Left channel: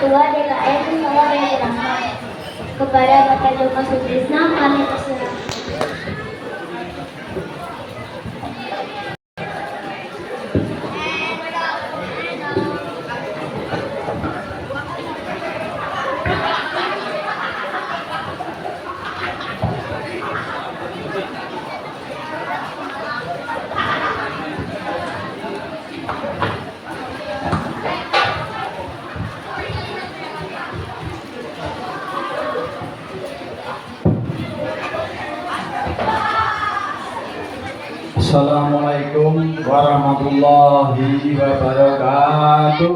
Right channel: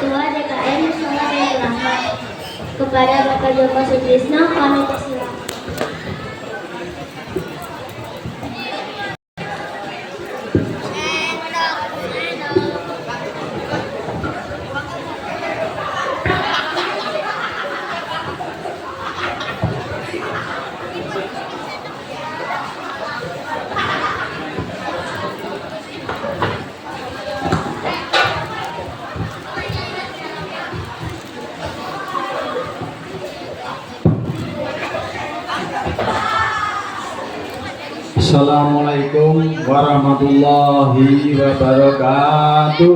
Ketua DKM Musola Baitur Rahman. Kepada Bapak Joko Sutrisno kami persilakan. Assalamualaikum warahmatullahi wabarakatuh.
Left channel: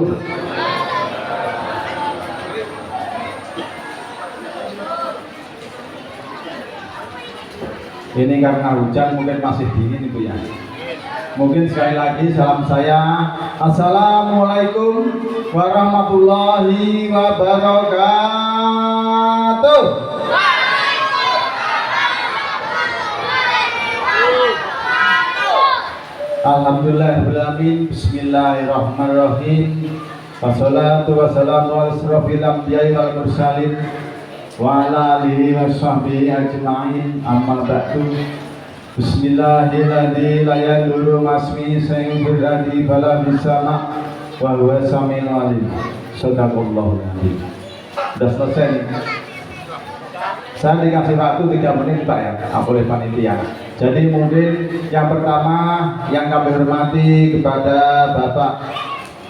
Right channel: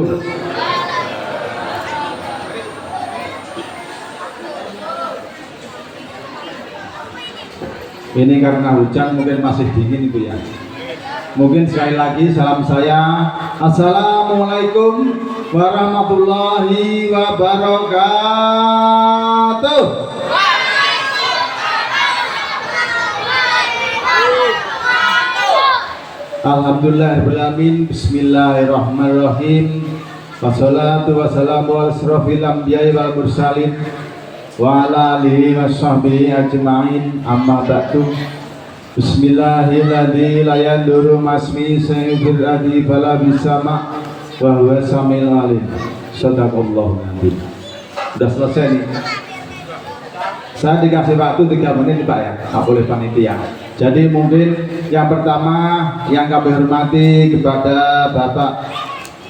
Ini karena hujan mungkin masih dingin itu ya. Mungkin sekali lagi salam saya. Assalamualaikum warahmatullahi wabarakatuh. Alhamdulillahirrahmanirrahim. Bismillahirrahmanirrahim. Wassalatu wassalamu ala asrofil anbiya'i wal mursalin wa ala alihi washabbihi ajma'in. Amma ba'du. Bismillahirrahmanirrahim. La yadurru masmi sayyidul adi bala bisama wa huwa samil alim. Sadaqallahu nabi. Sudah selesai nih. Saya dikasih waktu 3 menit Pak ya, oleh panitia. Jadi mungkin yang pertama yang kami hormati kepada Bapak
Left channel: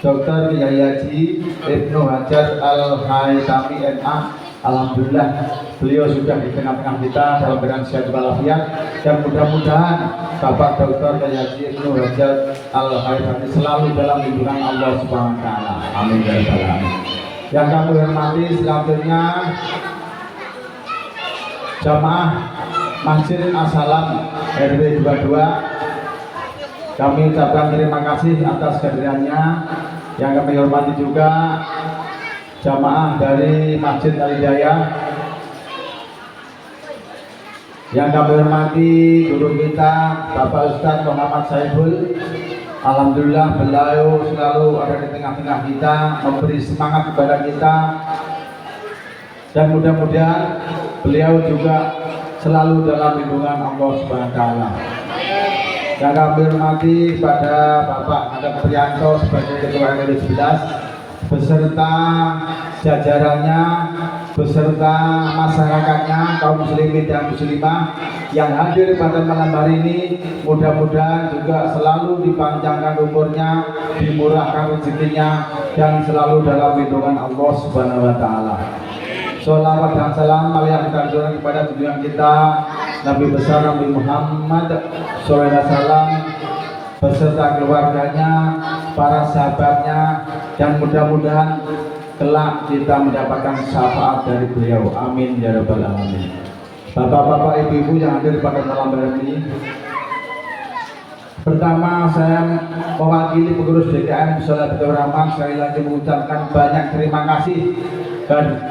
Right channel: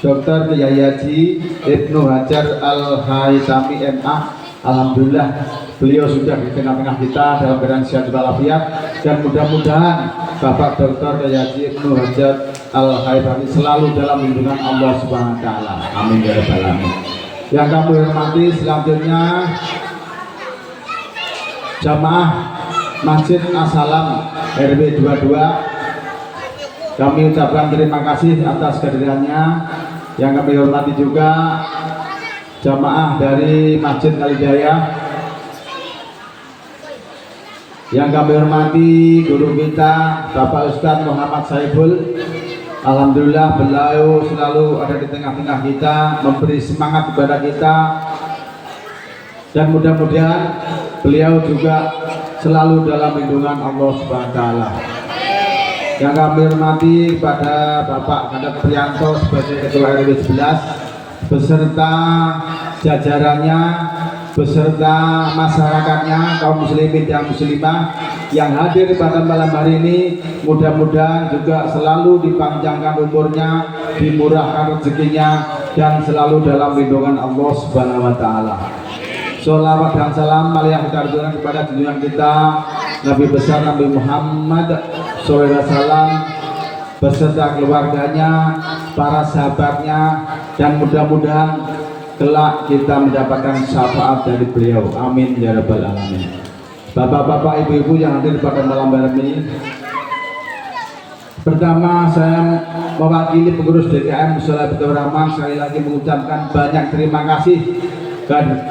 Dr. Kiai Haji Ibnu Hajar Al-Haytami MA. Alhamdulillah beliau sudah di tengah-tengah kita dalam keadaan sehat walafiat, dan mudah-mudahan Bapak Dr. Kiai Haji Ibnu Hajar Al-Haytami selalu dalam lindungan Allah Subhanahu wa taala. Amin ya rabbal alamin. Yang kami hormati selanjutnya jamaah Masjid As-Salam RW 22, kami ucapkan terima kasih atas kehadirannya. Yang kami hormati juga jamaah dari Masjid Al-Hidayah, yang kami hormati guru kita Bapak Ustadz Muhammad Saiful. Alhamdulillah beliau selalu ada di tengah-tengah kita, memberi semangat kepada kita, dan mudah-mudahan beliau juga selalu dalam lindungan Allah Subhanahu wa taala. Yang kami hormati pada Bapak Handap Priyanto sebagai Ketua RW 11 beserta jajarannya, beserta masyarakatnya, kaum muslimin dan muslimah yang hadir pada malam hari ini. Mudah-mudahan juga selalu dipanjangkan umurnya, dimurahkan rezekinya, dan selalu dalam lindungan Allah Subhanahu wa taala. Sholawat dan salam yang kita aturkan kepada junjungan kita Nabi besar Nabi Muhammad SAW beserta keluarganya, para sahabatnya, dan mudah-mudahan kelak kita mendapatkan syafaat dari beliau. Amin ya rabbal alamin. Bapak-bapak, ibu-ibu yang hadir pada malam hari ini, pertama saya mewakili pengurus DKM Musola Baitur Rahman sekali lagi mengucapkan banyak terima kasih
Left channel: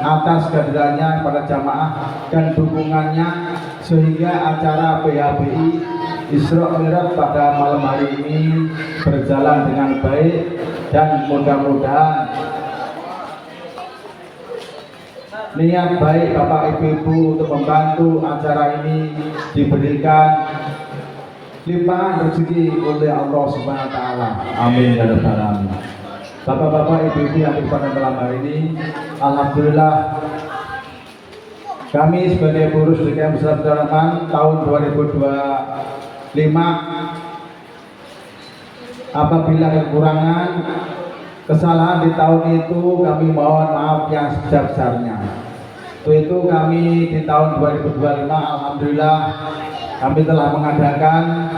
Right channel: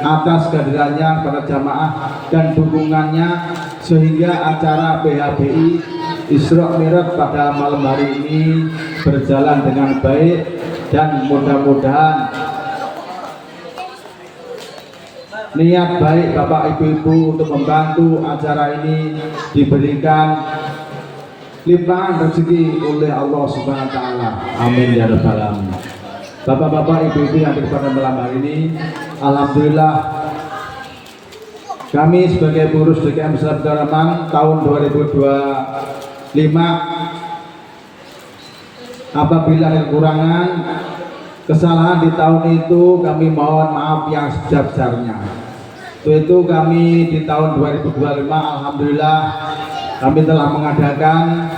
atas kehadirannya para jamaah dan dukungannya, sehingga acara PHBI Isra Mi'raj pada malam hari ini berjalan dengan baik, dan mudah-mudahan niat baik Bapak Ibu untuk membantu acara ini diberikan limpahan rezeki oleh Allah Subhanahu wa taala. Amin ya rabbal alamin. Bapak-bapak, ibu-ibu yang hadir pada malam hari ini, alhamdulillah kami sebagai pengurus DKM Musola Baitur Rahman tahun 2025, apabila kekurangan kesalahan di tahun itu kami mohon maaf yang sebesar-besarnya. Itu kami di tahun 2025 alhamdulillah kami telah mengadakan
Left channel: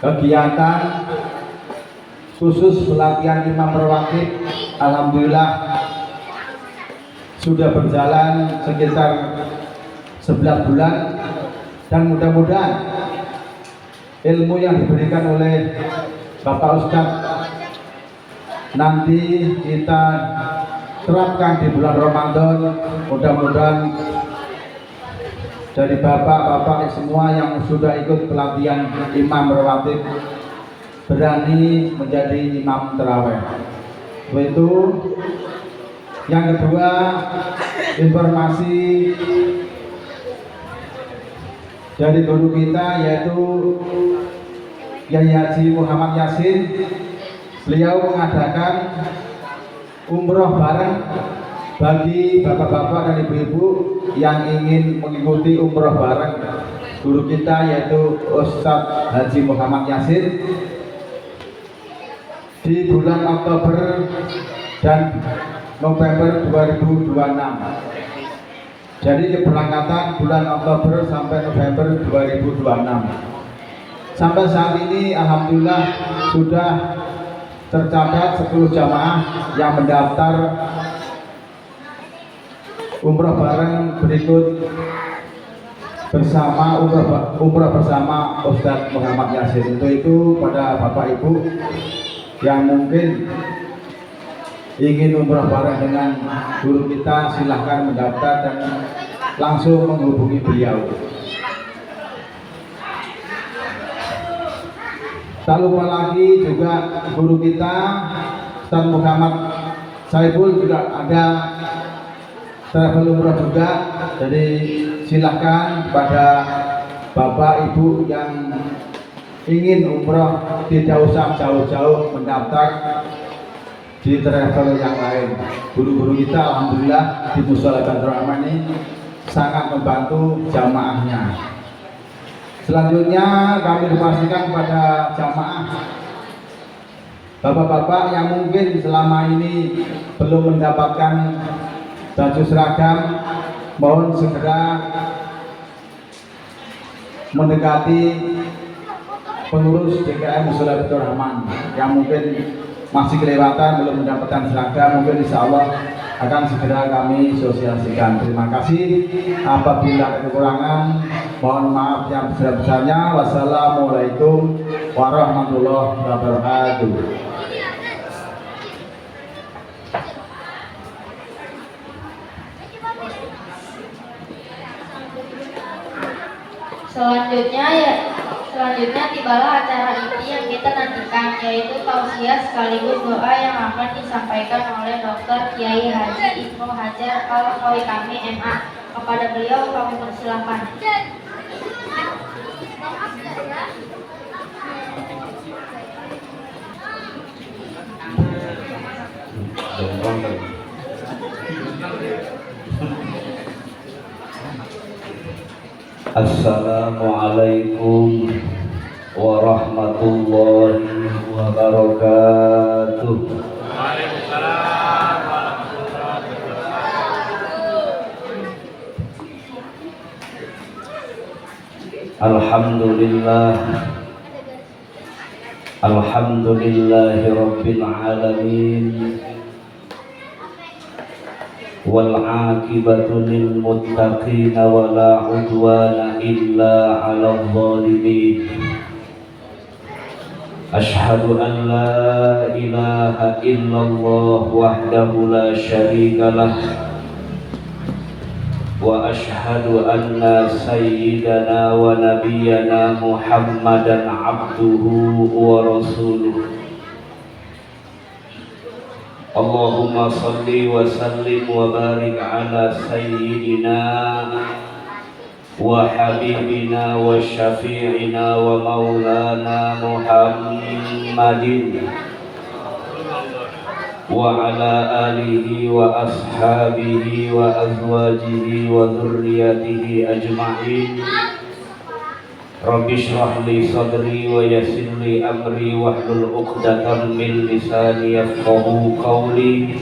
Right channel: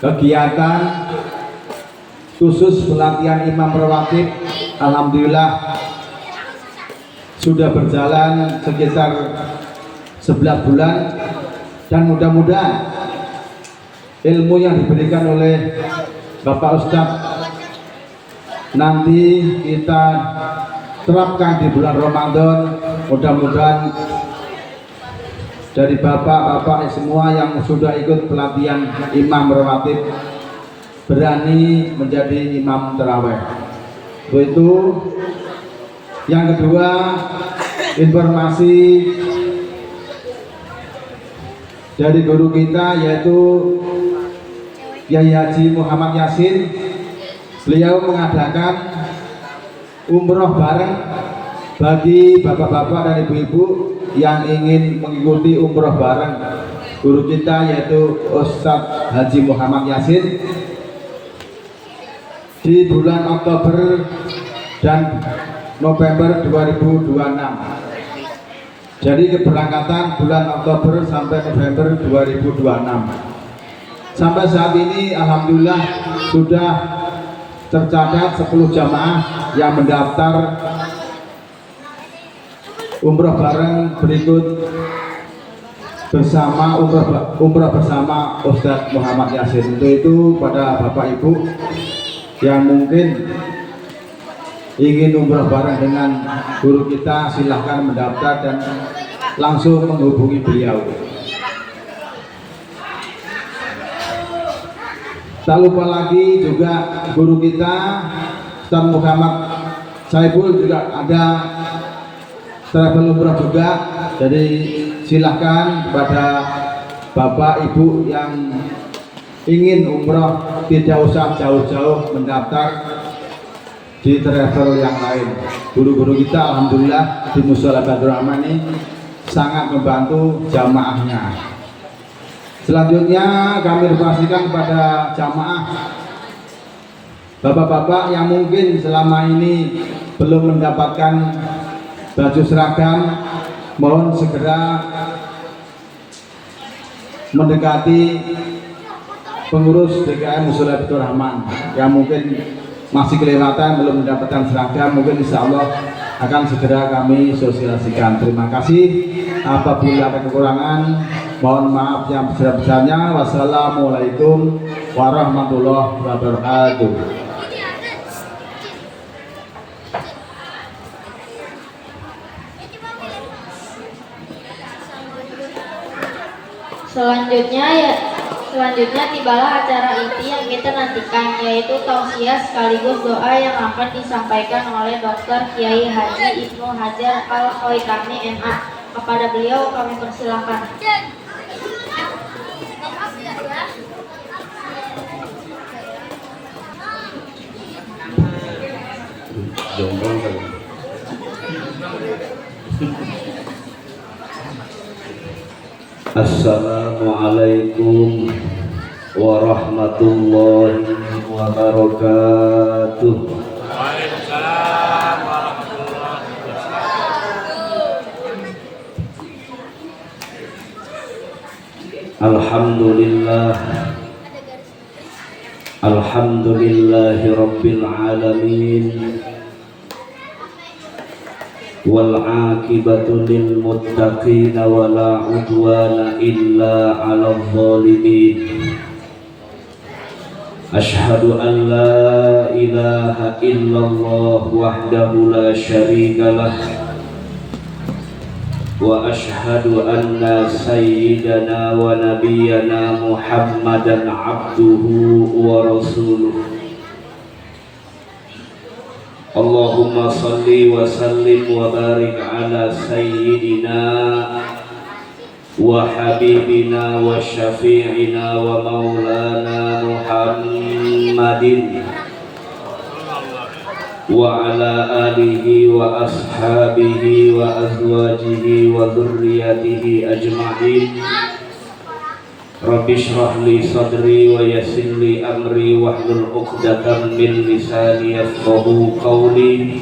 kegiatan khusus pelatihan imam rawatib. Alhamdulillah sudah berjalan sekitar 11 bulan, dan mudah-mudahan ilmu yang diberikan oleh Bapak Ustadz nanti kita terapkan di bulan Ramadan. Mudah-mudahan dari bapak-bapak semua yang sudah ikut pelatihan imam rawatib berani menjadi imam tarawih. Itu Yang kedua, informasi dari guru kita yaitu Yai Haji Muhammad Yasin. Beliau mengadakan umroh bareng bagi bapak-bapak dan ibu-ibu yang ingin mengikuti umroh bareng guru kita yaitu Ustadz Haji Muhammad Yasin di bulan Oktober dan November 2026. Jadi keberangkatan bulan Oktober sampai November 2026. Sampai saat ini alhamdulillah sudah tercatat 10 jamaah yang mendaftar umroh bareng berikut bersama umroh bersama Ustadz Muhammad Yasin. Untuk itu pada Bapak Ibu yang mungkin ingin umroh bareng dengan guru kita, silahkan mendaftar dan langsung menghubungi beliau. Tak lupa lagi juga guru kita Ustaz Muhammad Saiful juga ada travel umroh juga. Jadi silahkan kepada bapak ibu yang ingin umroh tidak usah jauh-jauh mendaftar di travel yang lain. Guru-guru kita alhamdulillah di Mushola Badrul Rahman ini sangat membantu jamaahnya. Selanjutnya kami informasikan kepada jamaah bapak-bapak yang mungkin selama ini belum mendapatkan baju seragam, mohon segera mendekati pengurus DKM Mushola Badrul Rahman yang mungkin masih kelewatan belum mendapatkan seragam. Mungkin insya Allah akan segera kami sosialisasikan. Terima kasih. Apabila ada kekurangan, mohon maaf yang besar-besarnya. Wassalamualaikum warahmatullahi wabarakatuh. Selanjutnya tibalah acara inti yang kita nantikan, yaitu tausiah sekaligus doa yang akan disampaikan oleh Dr. Kiai Haji Ibnu Hajar Al-Khoitami MA. Kepada beliau kami persilakan. Assalamualaikum warahmatullahi wabarakatuh. Alhamdulillahi rabbil alamin. Wal aqibatu lil muttaqin wa la udwana illa 'alal zalimin. Ashhadu an la ilaha illallah wahdahu la syarika lah wa ashhadu anna sayyidana wa nabiyyana Muhammadan 'abduhu wa rasuluh. Allahumma salli wa sallim wa barik ala sayyidina wa habibina wa syafi'ina wa maulana Muhammadin wa ala alihi wa ashabihi wa azwajihi wa dhurriyyatihi ajma'in. Rabbi shrah li sadri wa yassir li amri wahlul 'uqdatam min lisani yafqahu qawli.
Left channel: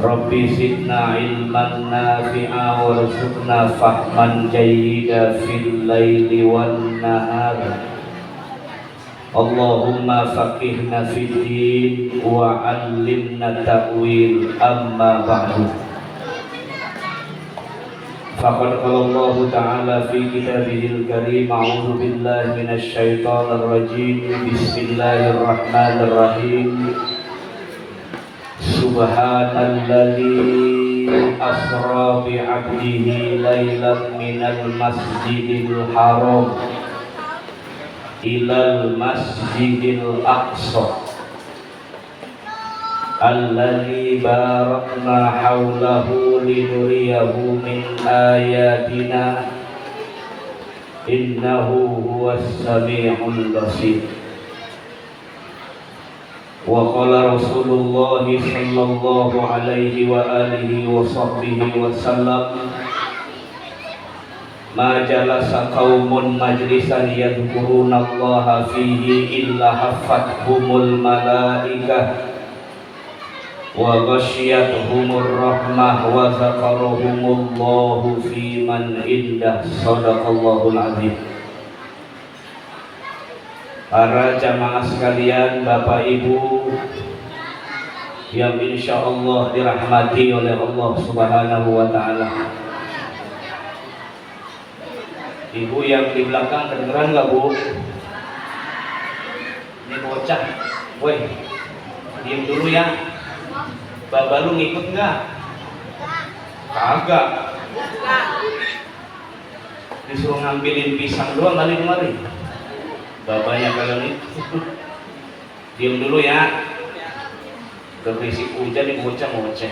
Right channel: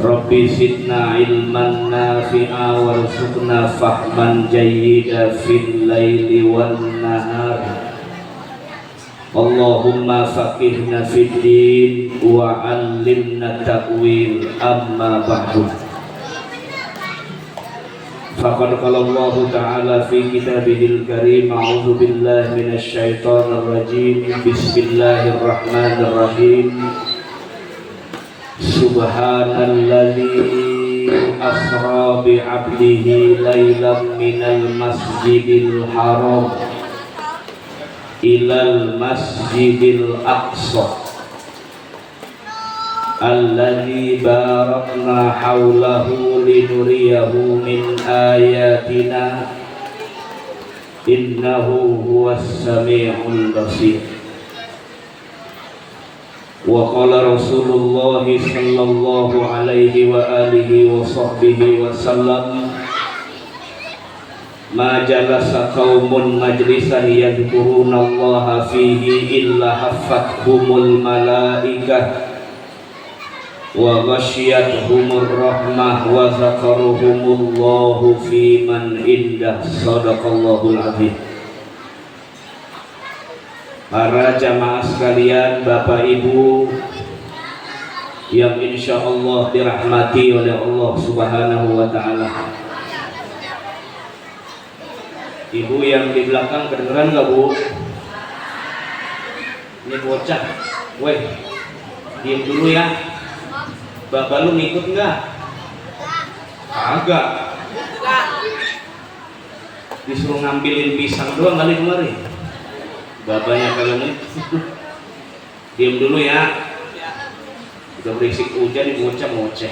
Rabbi zidna ilman nafi'a warzuqna fahman jayyida fil laili wan nahar. Allahumma faqihna fid din wa 'allimna ta'wil, amma ba'du. Faqad qala Allah Ta'ala fi kitabihil karim, a'udzu billahi minasy syaithanir rajim. Bismillahirrahmanirrahim. Subhanalladzi asra bi 'abdihi lailan minal masjidil haram ilal masjidil aqsa الذي باركنا حوله لنريه من آياتنا إنه هو السميع البصير. وقال رسول الله صلى الله عليه وآله وصحبه وسلم ما جلس قوم مجلسا يذكرون الله فيه إلا حفتهم الملائكة وغشيتهم الرحمة وذكرهم الله في من عنده. صدق الله العظيم. Para jamaah sekalian, Bapak Ibu yang insya Allah dirahmati oleh Allah Subhanahu wa Ta'ala. Ibu yang di belakang kedengeran nggak, Bu? Ini bocah, weh, diem dulu ya. Bapak lu ngikut nggak? Kagak. Disuruh ngambilin pisang doang kali kemarin. Bapaknya kalau nih, diem dulu ya. Udah berisik hujan nih bocah ngoceh.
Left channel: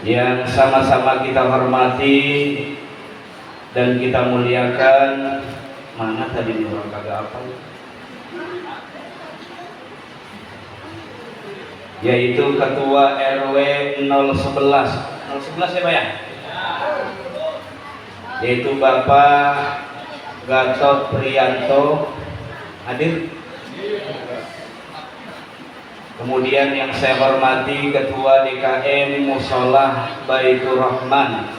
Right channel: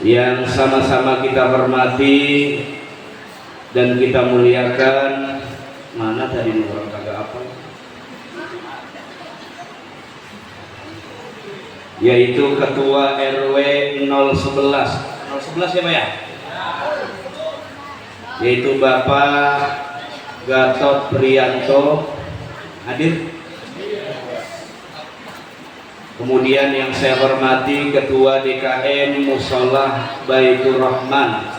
Yang sama-sama kita hormati dan kita muliakan. Mana tadi nih orang kagak apa? Yaitu Ketua RW 011. 011 siapa ya? Yaitu Bapak Gatot Priyanto, hadir. Kemudian yang saya hormati Ketua DKM Musolah Baitur Rahman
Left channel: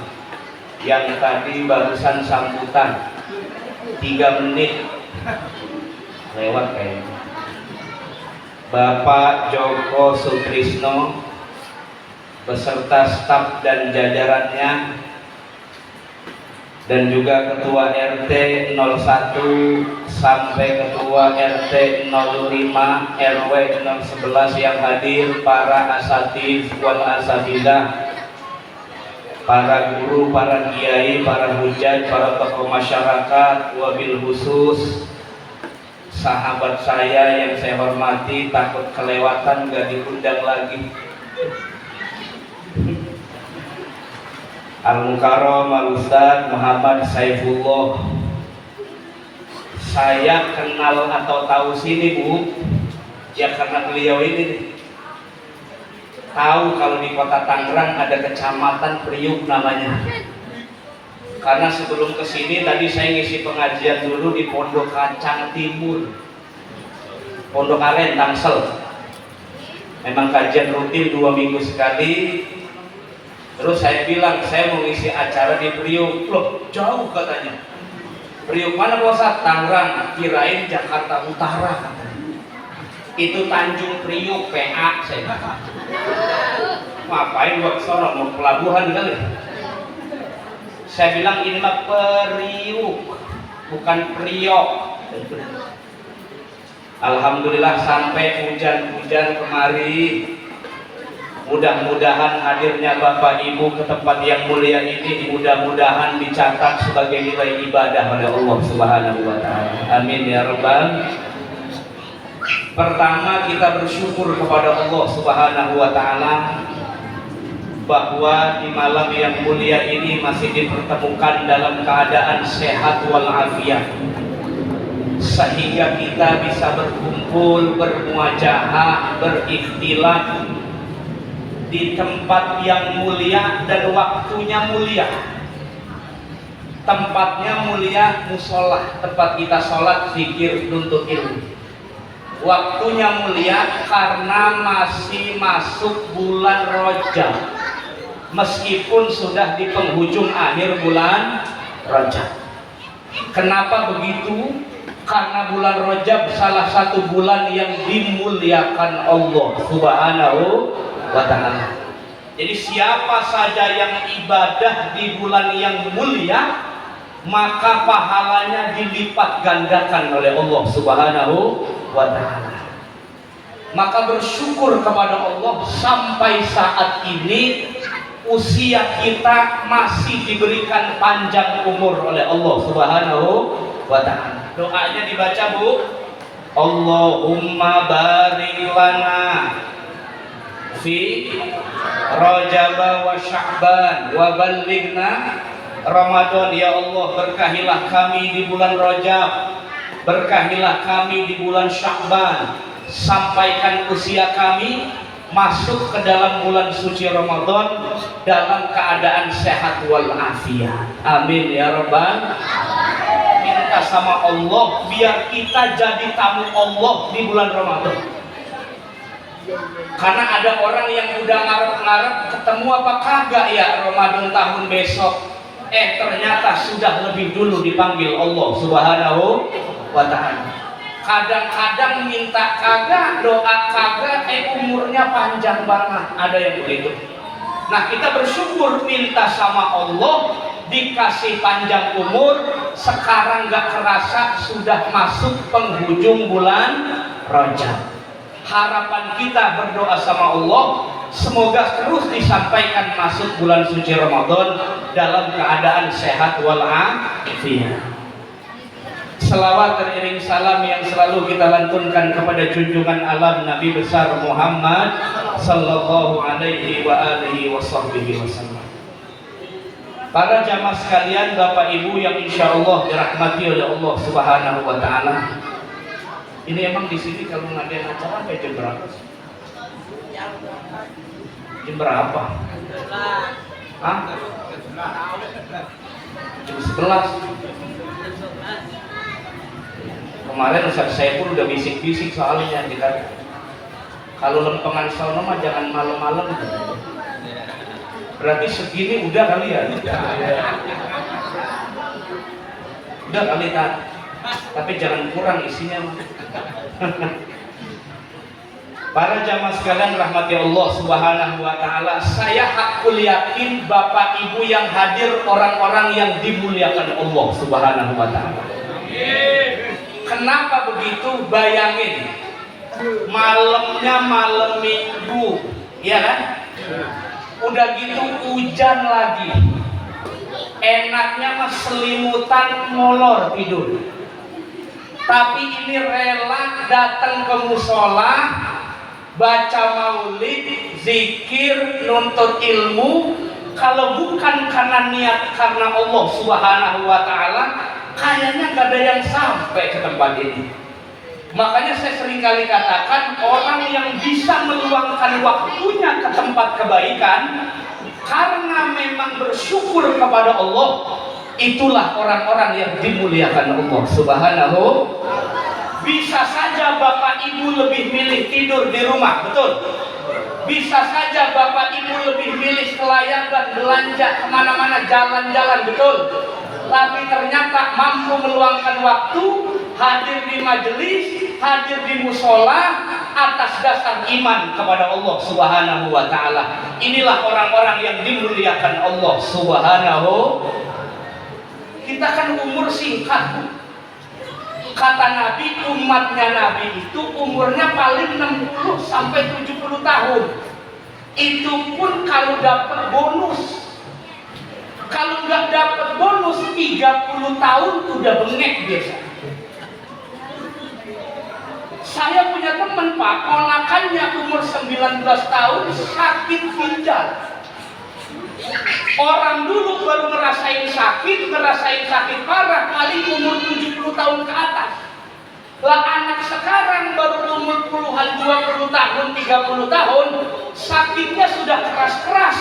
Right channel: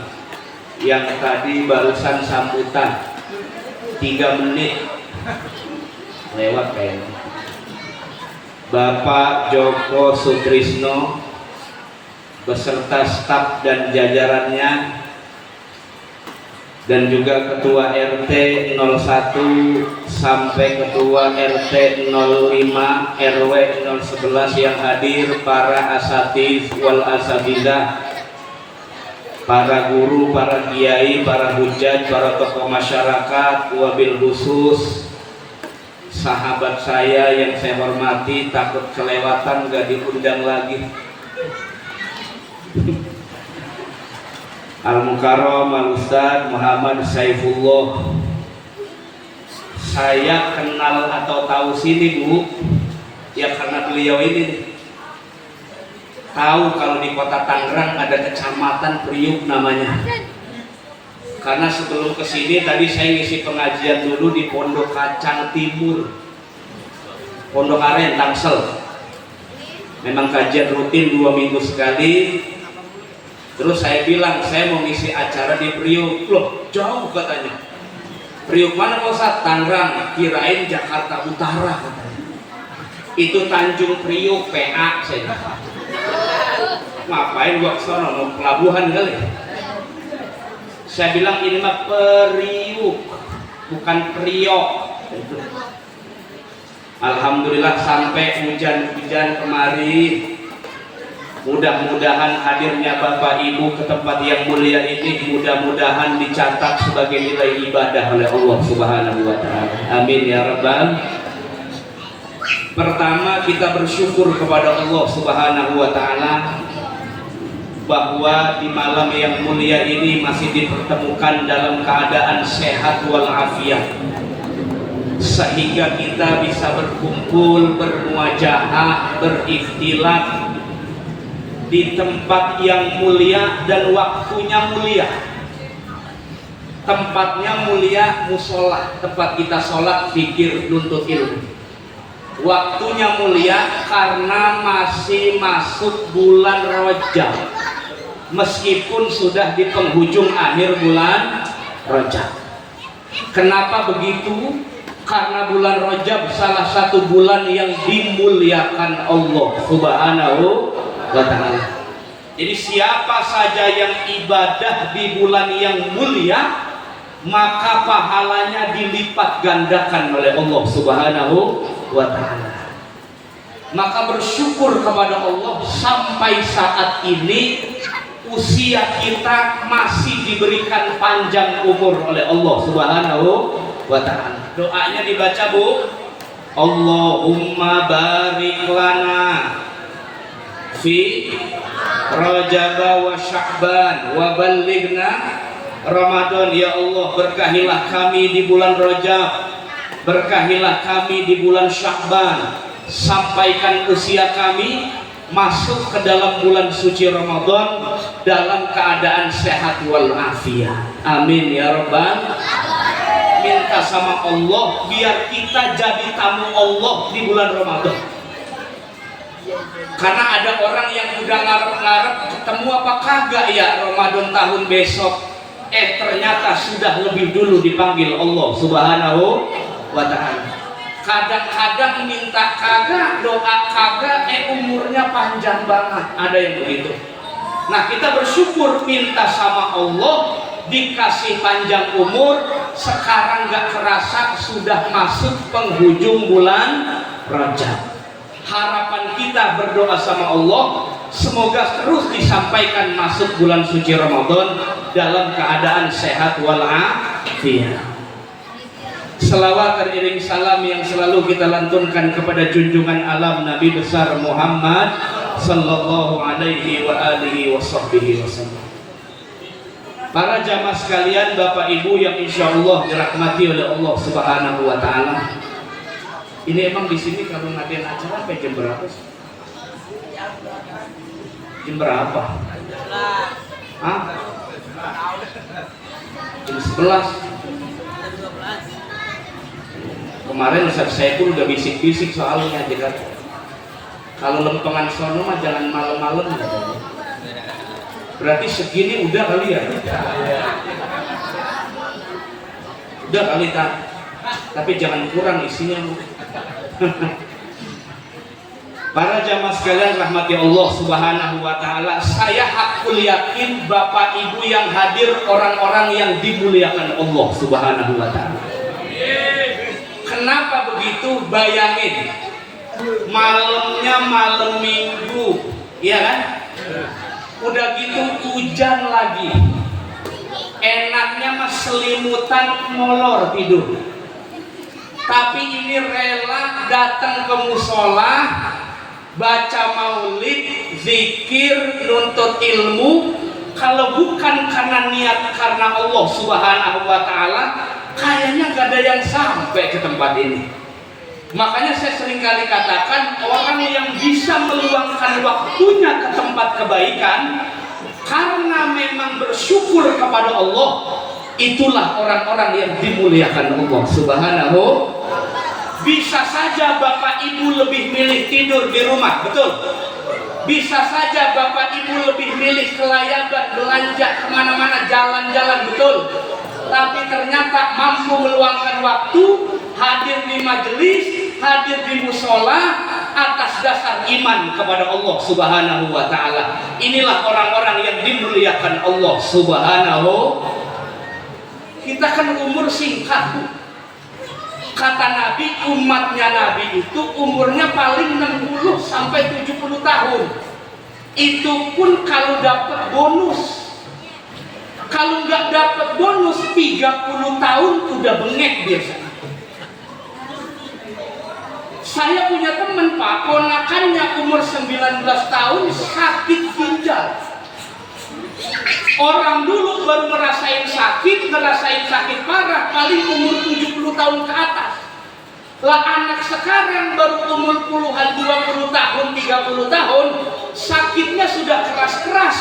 yang tadi barusan sambutan 3 menit lewat kayaknya. Bapak Joko Sutrisno beserta staf dan jajarannya, dan juga Ketua RT 01 sampai Ketua RT 05 RW 011 yang hadir, para asatidz wal asatidah, para guru, para kiai, para hujat, para tokoh masyarakat, wabil khusus sahabat saya yang saya hormati, takut kelewatan gak diundang lagi. Al-Mukarram Al-Ustaz Muhammad Saifullah. Saya kenal atau tahu sini, Bu, ya karena beliau ini tahu kalau di kota Tangerang ada kecamatan Priuk namanya. Karena sebelum kesini tadi saya ngisi pengajian dulu di Pondok Kacang Timur, Pondok Aren, Tangsel. Memang kajian rutin 2 minggu sekali. Terus saya bilang, saya mau ngisi acara di Priuk. Loh, jauh katanya. Priuk mana Pak Ustaz? Tangerang. Kirain Jakarta Utara katanya. Itu Tanjung Priuk, PA saya kata. Ngapain gua kesana, mau pelabuhan kali. Saya bilang ini mah Priuk, bukan Priok. Alhamdulillah sampai hujan-hujan kemari. Mudah-mudahan hadirnya Bapak Ibu ke tempat yang mulia ini mudah-mudahan dicatat sebagai nilai ibadah oleh Allah Subhanahu wa Ta'ala. Amin ya rabbal. Pertama, kita bersyukur kepada Allah Subhanahu wa Ta'ala bahwa di malam yang mulia ini masih dipertemukan dalam keadaan sehat walafiat, sehingga kita bisa berkumpul, bermuajahah, berikhtilaf di tempat yang mulia dan waktunya mulia. Tempatnya mulia, musola, tempat kita sholat, zikir, nuntut ilmu. Waktunya mulia karena masih masuk bulan Rajab, meskipun sudah di penghujung akhir bulan Rajab. Kenapa begitu? Karena bulan Rajab salah satu bulan yang dimuliakan Allah Subhanahu wa Ta'ala. Jadi siapa saja yang ibadah di bulan yang mulia, maka pahalanya dilipat gandakan oleh Allah Subhanahu wa Ta'ala. Maka bersyukur kepada Allah sampai saat ini usia kita masih diberikan panjang umur oleh Allah Subhanahu wa Ta'ala. Doanya dibaca, Bu. Allahumma barik lana fi Rajab wa Sya'ban wa ballighna Ramadan. Ya Allah, berkahilah kami di bulan Rajab, berkahilah kami di bulan Sya'ban, sampaikan usia kami masuk ke dalam bulan suci Ramadan dalam keadaan sehat wal afiat. Amin ya rabbal. Minta sama Allah biar kita jadi tamu Allah di bulan Ramadan. Karena ada orang yang udah ngarep-ngarep ketemu apa kagak ya Ramadan tahun besok. Ternyata sudah lebih dulu dipanggil Allah Subhanahu wa ta'ala. Kadang-kadang minta kagak, doa kagak, umurnya panjang banget. Ada yang begitu. Nah, kita bersyukur minta sama Allah dikasih panjang umur. Sekarang gak kerasa sudah masuk penghujung bulan Rajab. Harapan kita berdoa sama Allah, semoga terus disampaikan masuk bulan suci Ramadan dalam keadaan sehat walafiat. Selawat teriring salam yang selalu kita lantunkan kepada junjungan alam Nabi besar Muhammad sallallahu alaihi wa alihi wasallam. Para jamaah sekalian, Bapak Ibu yang insya Allah dirahmati oleh Allah Subhanahu wa ta'ala. Ini emang di sini kalau ngadain acara sampai jam berapa sih? Jam berapa? Hah? Jam 11. Kemarin Ustaz Saiful udah bisik-bisik soalnya kita. Kalau lempengan sono mah jangan malam-malam. Berarti segini udah kali ya? Udah kali tak? Tapi jangan kurang isinya. Para jamaah sekalian rahmati Allah Subhanahu wa ta'ala, saya hakul yakin Bapak Ibu yang hadir orang-orang yang dimuliakan Allah Subhanahu wa ta'ala. Kenapa begitu? Bayangin, malamnya malam Minggu, ya kan? Udah gitu hujan lagi. Enaknya mah selimutan molor tidur. Tapi ini rela datang ke musola, baca maulid, zikir, nuntut ilmu. Kalau bukan karena niat karena Allah Subhanahu wa ta'ala, kayaknya gak ada yang sampai ke tempat ini. Makanya saya sering kali katakan, orang yang bisa meluangkan waktunya ke tempat kebaikan karena memang bersyukur kepada Allah, itulah orang-orang yang dimuliakan Allah Subhanahu. Bisa saja Bapak Ibu lebih milih tidur di rumah, betul? Bisa saja Bapak Ibu lebih milih kelayaban, belanja kemana-mana, jalan-jalan, betul? Tapi ternyata mampu meluangkan waktu, hadir di majelis, hadir di musola atas dasar iman kepada Allah Subhanahu wa ta'ala. Inilah orang-orang yang dimuliakan Allah Subhanahu. Kita kan umur singkat, Bu. Kata Nabi, umatnya Nabi itu umurnya paling 60 sampai 70 tahun. Itu pun kalau dapat bonus. Kalau nggak dapat bonus 30 tahun udah bengek biasa. Saya punya teman Pak, ponakannya umur 19 tahun sakit ginjal. Orang dulu baru ngerasain sakit parah paling umur 70 tahun ke atas. Lah anak sekarang baru umur puluhan 20 tahun, 30 tahun, sakitnya sudah keras-keras.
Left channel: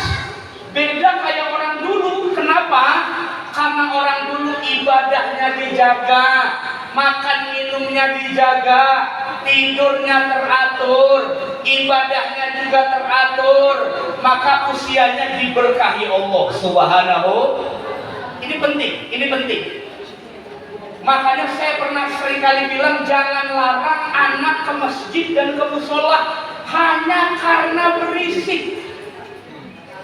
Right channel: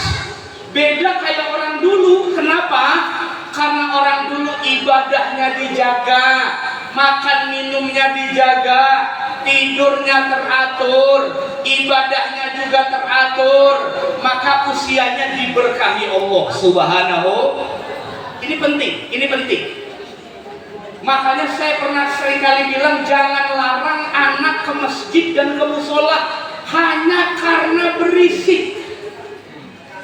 Beda kayak orang dulu. Kenapa? Karena orang dulu ibadahnya dijaga, makan minumnya dijaga, tidurnya teratur, ibadahnya juga teratur, maka usianya diberkahi Allah Subhanahu. Ini penting. Makanya saya pernah seringkali bilang jangan larang anak ke masjid dan ke musola hanya karena berisik.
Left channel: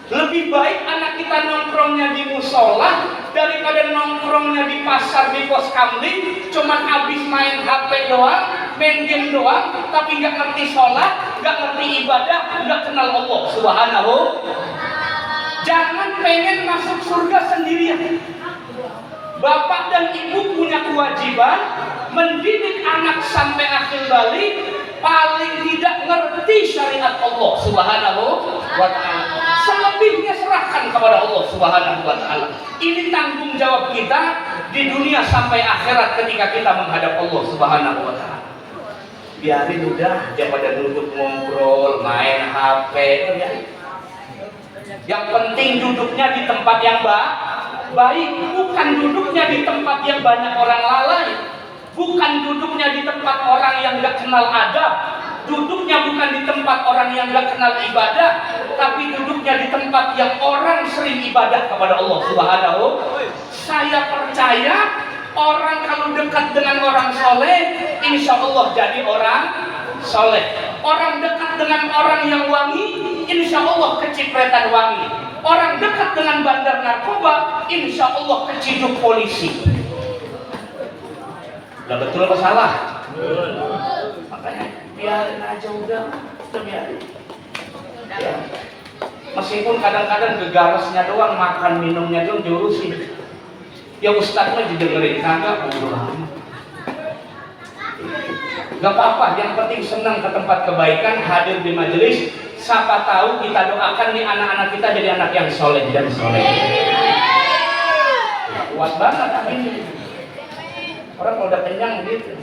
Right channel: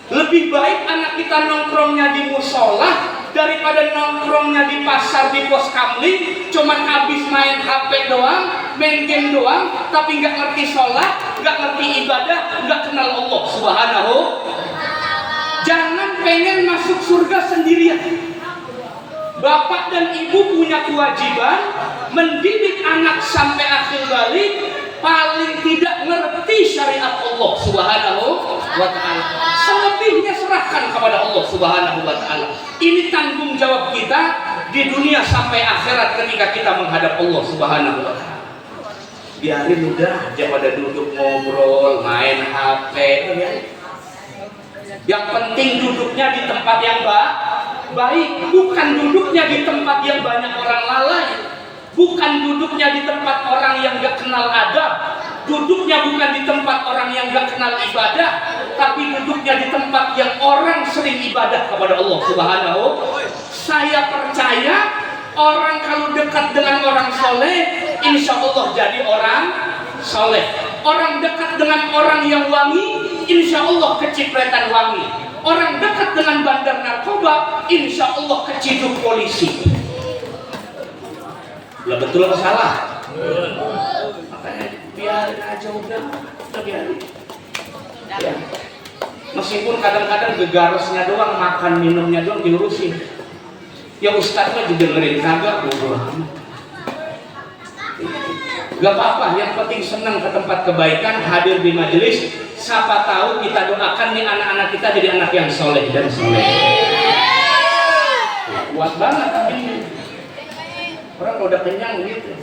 Lebih baik anak kita nongkrongnya di musola daripada nongkrongnya di pasar, di pos kamling, cuman habis main HP doang, main game doang, tapi nggak ngerti sholat, nggak ngerti ibadah, nggak kenal Allah Subhanahu. Jangan pengen masuk surga sendirian. Bapak dan ibu punya kewajiban mendidik anak sampai akhir balik paling tidak ngerti syariat Allah Subhanahu wa ta'ala. Selebihnya serahkan kepada Allah Subhanahu wa ta'ala. Ini tanggung jawab kita di dunia sampai akhirat ketika kita menghadap Allah Subhanahu wa ta'ala. Biarin udah aja pada duduk ngobrol, main HP, biarin. Yang penting duduknya di tempat yang baik, bukan duduknya di tempat yang banyak orang lalai. Bukan duduknya di tempat orang yang gak kenal adab. Duduknya bukan di tempat orang yang gak kenal ibadah, tapi duduknya di tempat yang orang sering ibadah kepada Allah Subhanahu. Saya percaya orang kalau dekat dengan orang soleh, insya Allah jadi orang soleh. Orang dekat dengan orang yang wangi, insya Allah kecipratan wangi. Orang dekat dengan bandar narkoba, insya Allah keciduk polisi. Lah betul apa salah? Makanya biarin aja udah biarin. Ya. Meskipun kadang-kadang gegarasnya doang, makan minumnya doang diurusin. Ya Ustadz mah didengerin kagak, bodoh amat. Gak apa-apa, yang penting senang ke tempat kebaikan, hadir di majelis. Siapa tahu kita doakan nih anak-anak kita jadi anak yang soleh dan soleh. Kuat banget ini. Orang udah kenyang gitu.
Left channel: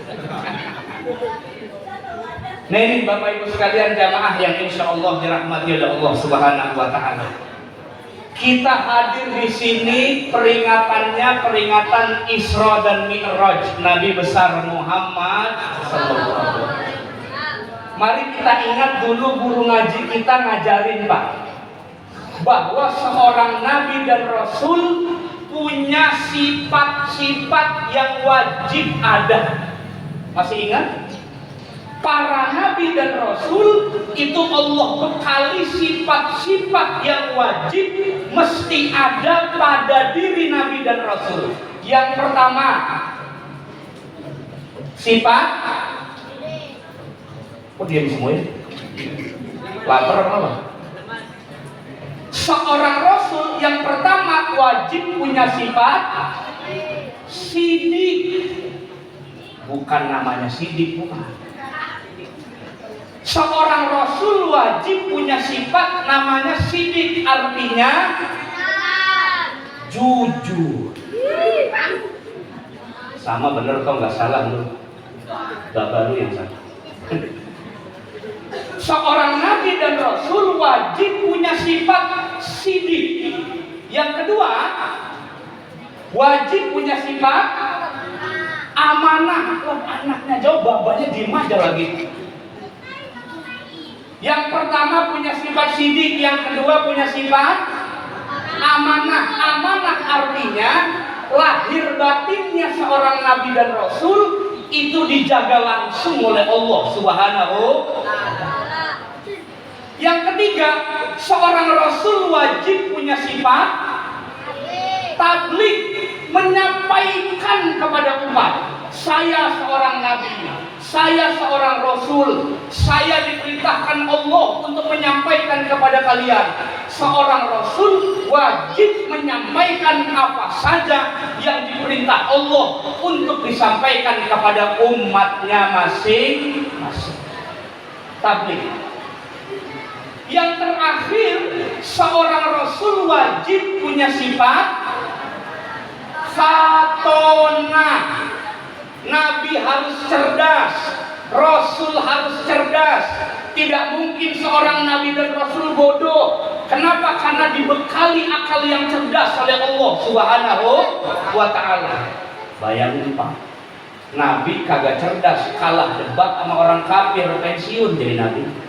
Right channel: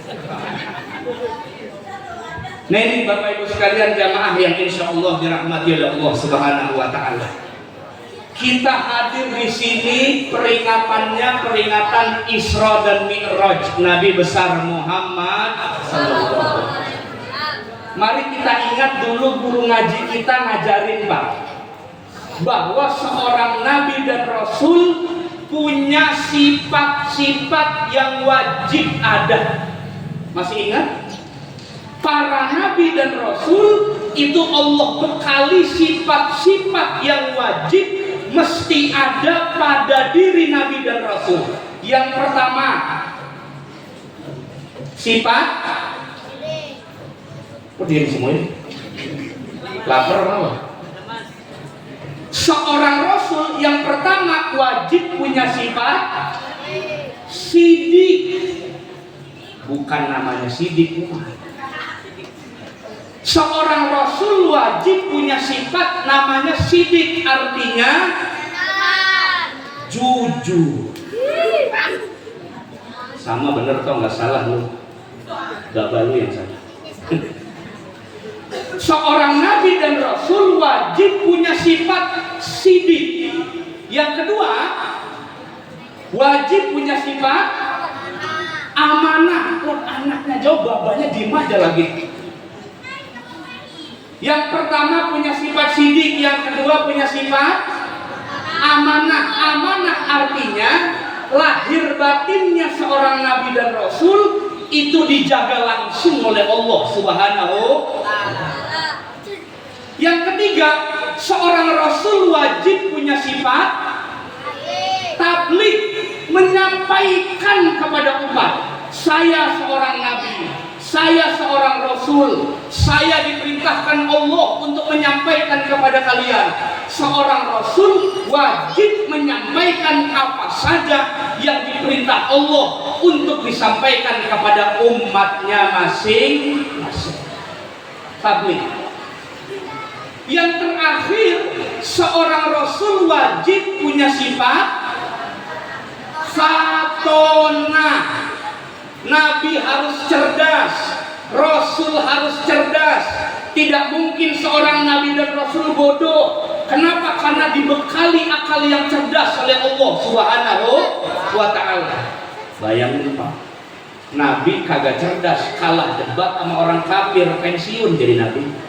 Nah ini Bapak Ibu sekalian jamaah yang insya Allah dirahmati oleh Allah Subhanahu wa ta'ala. Kita hadir di sini peringatan Isra dan Mi'raj Nabi besar Muhammad sallallahu alaihi wasallam. Mari kita ingat dulu guru ngaji kita ngajarin Pak, bahwa seorang Nabi dan Rasul punya sifat-sifat yang wajib ada. Masih ingat? Para Nabi dan Rasul itu Allah bekali sifat-sifat yang wajib mesti ada pada diri Nabi dan Rasul. Yang pertama, sifat diam semuanya. Lapar apa? Seorang Rasul yang pertama wajib punya sifat sidik. Bukan namanya sidik, bukan. Seorang Rasul wajib punya sifat namanya sidik, artinya jujur. Sama bener toh, nggak salah lu. Bapak lu yang salah. Seorang Nabi dan Rasul wajib punya sifat sidik. Yang kedua, wajib punya sifat amanah. Loh, anaknya jauh, babanya diem aja lagi. Yang pertama punya sifat sidik, yang kedua punya sifat amanah. Amanah artinya lahir batinnya seorang Nabi dan Rasul itu dijaga langsung oleh Allah Subhanahu. Yang ketiga, seorang Rasul wajib punya sifat tabligh, menyampaikan kepada umat. Saya seorang Nabi, saya seorang Rasul, saya diperintahkan Allah untuk menyampaikan kepada kalian. Seorang Rasul wajib menyampaikan apa saja yang diperintah Allah untuk disampaikan kepada umatnya masing-masing. Tabligh. Yang terakhir, seorang Rasul wajib punya sifat fatonah. Nabi harus cerdas, Rasul harus cerdas. Tidak mungkin seorang Nabi dan Rasul bodoh. Kenapa? Karena dibekali akal yang cerdas oleh Allah Subhanahu wa ta'ala. Bayangin Pak, Nabi kagak cerdas, kalah debat sama orang kafir, pensiun jadi Nabi.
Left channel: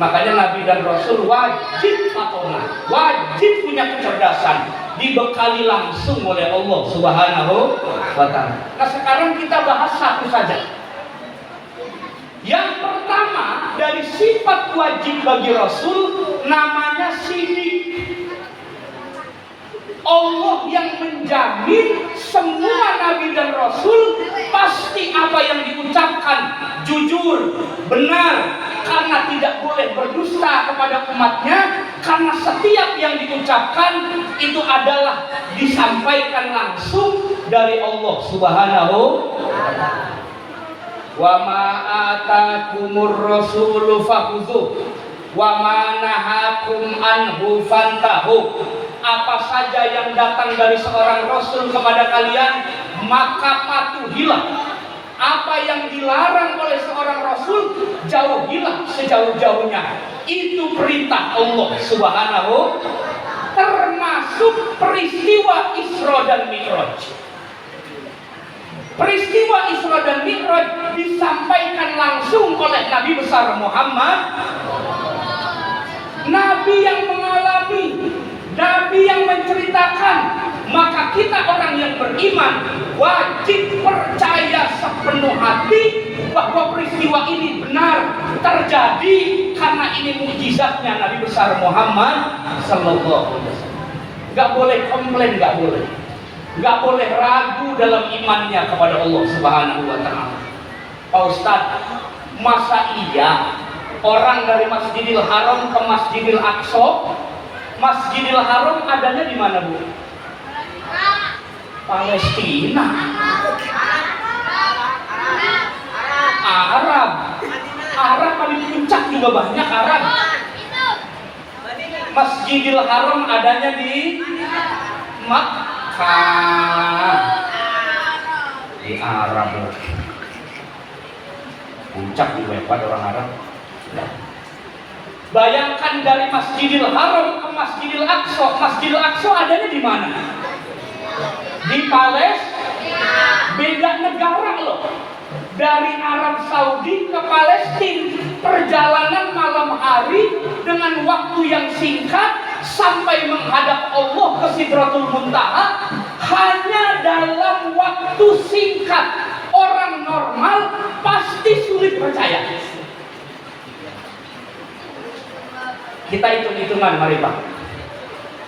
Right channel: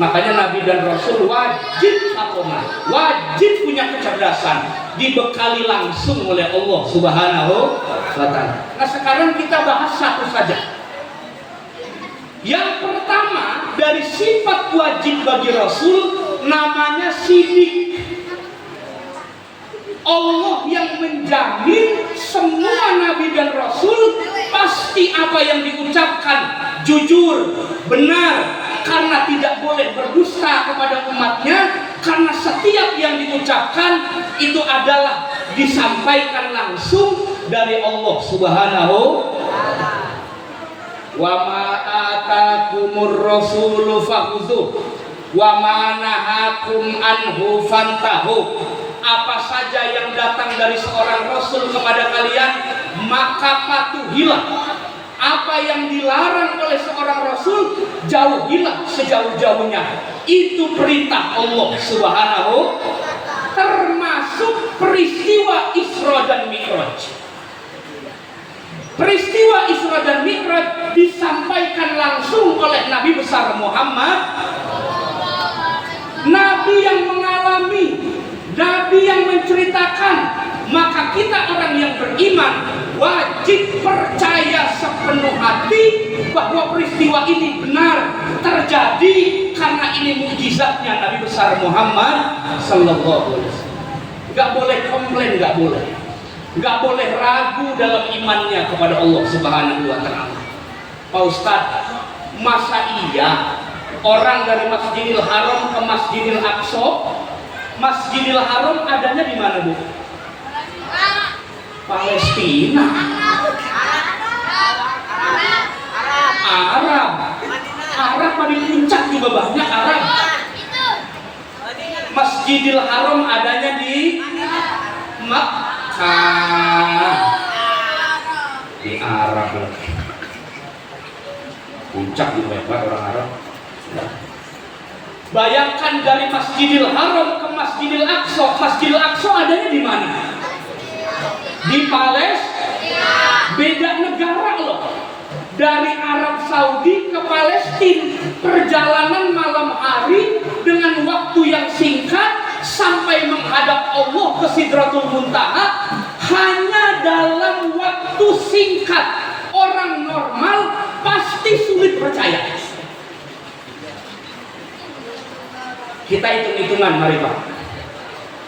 Makanya Nabi dan Rasul wajib fatonah, wajib punya kecerdasan, dibekali langsung oleh Allah Subhanahu wa ta'ala. Nah sekarang kita bahas satu saja. Yang pertama dari sifat wajib bagi Rasul namanya sidik. Allah yang menjamin semua Nabi dan Rasul pasti apa yang diucapkan jujur, benar, karena tidak boleh berdusta kepada umatnya, karena setiap yang diucapkan itu adalah disampaikan langsung dari Allah Subhanahu wa ma atakumur rasulu fakhudhuh wa ma nahakum anhu fantahu. Apa saja yang datang dari seorang rasul kepada kalian maka patuhilah. Apa yang dilarang oleh seorang rasul jauhilah sejauh-jauhnya. Itu perintah Allah Subhanahu, termasuk peristiwa Isra dan Mi'raj. Peristiwa Isra dan Mi'raj disampaikan langsung oleh Nabi besar Muhammad. Nabi yang mengalami, Nabi yang menceritakan. Maka kita orang yang beriman wajib percaya sepenuh hati bahwa peristiwa ini benar terjadi karena ini mukjizatnya Nabi besar Muhammad sallallahu alaihi wasallam. Gak boleh komplain, gak boleh ragu dalam imannya kepada Allah Subhanahu wa taala. Pak Ustadz, masa iya orang dari Masjidil Haram ke Masjidil Aqsa? Masjidil Haram adanya di mana, Bu? Palestina. Arab di puncak juga banyak Arab. Masjidil Haram adanya di Makkah. Di Arab. Puncak juga hebat orang Arab. Bayangkan dari Masjidil Haram ke Masjidil Aqsa. Masjidil Aqsa adanya di mana? Di Palestina. Beda negara loh. Dari Arab Saudi ke Palestina, perjalanan malam hari dengan waktu yang singkat sampai menghadap Allah ke Sidratul Muntaha hanya dalam waktu singkat. Orang normal pasti sulit percaya. Kita hitung-hitungan, mari Pak.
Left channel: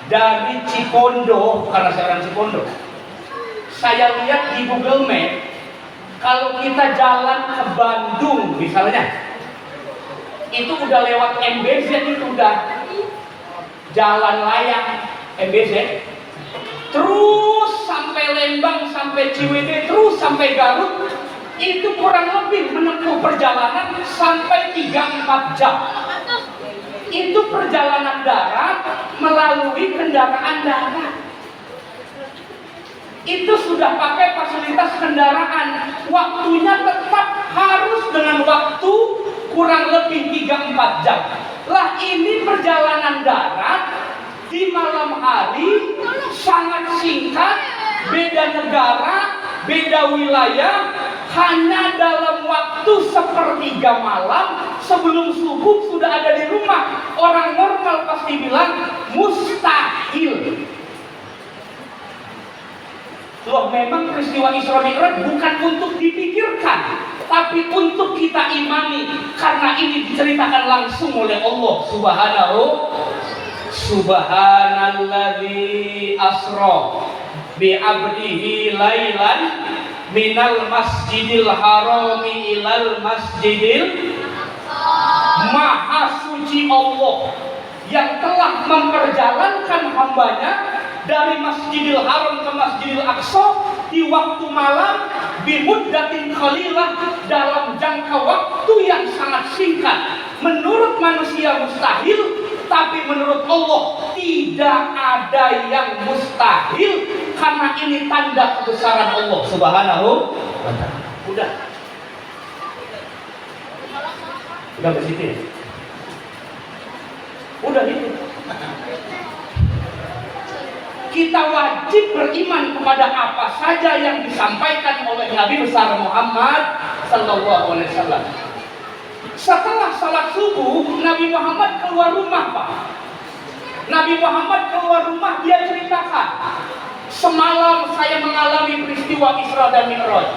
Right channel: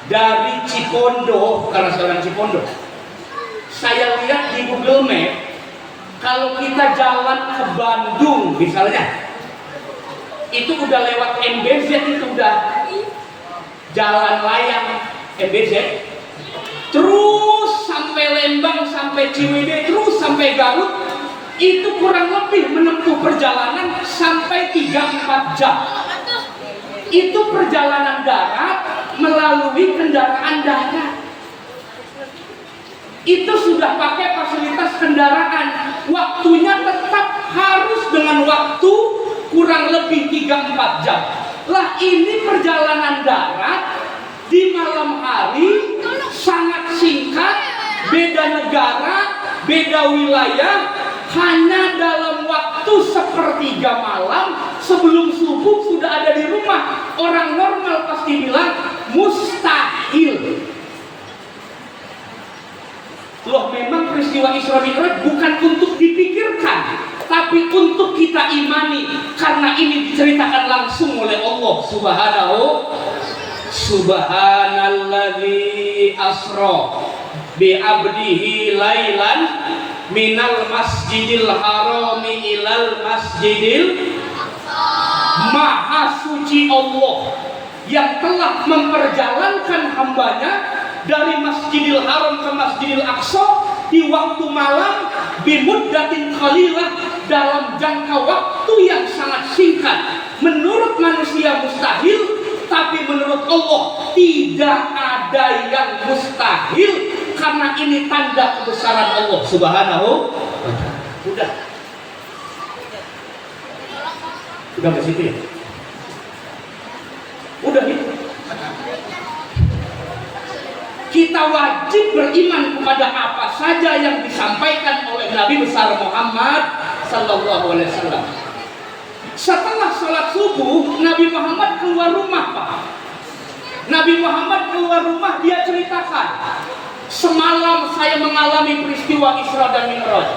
Dari Cipondo, karena saya orang Cipondo, saya lihat di Google Map, kalau kita jalan ke Bandung misalnya, itu udah lewat MBZ, itu udah jalan layang MBZ, terus sampai Lembang, sampai Ciwidey, terus sampai Garut, itu kurang lebih menempuh perjalanan sampai 3-4 jam. Itu perjalanan darat melalui kendaraan darat. Itu sudah pakai fasilitas kendaraan. Waktunya tetap harus dengan waktu kurang lebih 3-4 jam. Lah ini perjalanan darat di malam hari sangat singkat, beda negara, beda wilayah, hanya dalam waktu sepertiga malam sebelum subuh sudah ada di rumah. Orang normal pasti bilang mustahil. Loh, memang peristiwa Isra Mi'raj bukan untuk dipikirkan, tapi untuk kita imani, karena ini diceritakan langsung oleh Allah Subhanahu. Subhanalladzi asra bi 'abdihi lailan minal masjidil harami ilal masjidil. Maha suci Allah yang telah memperjalankan hambanya dari Masjidil Haram ke Masjidil Aqsa di waktu malam bimuddatin qalilah, dalam jangka waktu yang sangat singkat. Menurut manusia mustahil, tapi menurut Allah tidak ada yang mustahil, karena ini tanda kebesaran Allah Subhanahu wa ta'ala. Udah ke situ ya? Udah gitu. Kita wajib beriman kepada apa saja yang disampaikan oleh Nabi besar Muhammad sallallahu alaihi wasallam. Setelah salat subuh, Nabi Muhammad keluar rumah, Pak. Nabi Muhammad keluar rumah, dia ceritakan, semalam saya mengalami peristiwa Isra dan Mi'raj.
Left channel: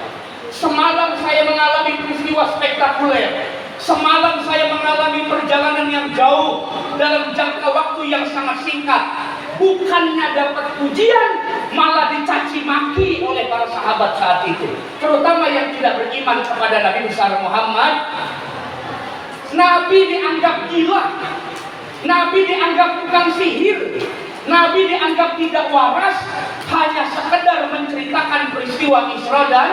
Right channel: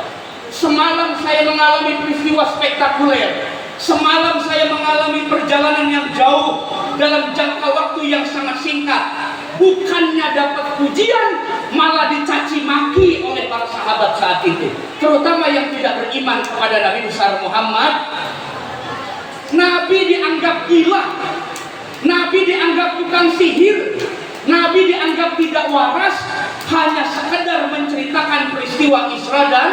Semalam saya mengalami peristiwa spektakuler. Semalam saya mengalami perjalanan yang jauh dalam jangka waktu yang sangat singkat. Bukannya dapat pujian, malah dicaci maki oleh para sahabat saat itu, terutama yang tidak beriman kepada Nabi besar Muhammad. Nabi dianggap gila, Nabi dianggap tukang sihir, Nabi dianggap tidak waras, hanya sekedar menceritakan peristiwa Isra dan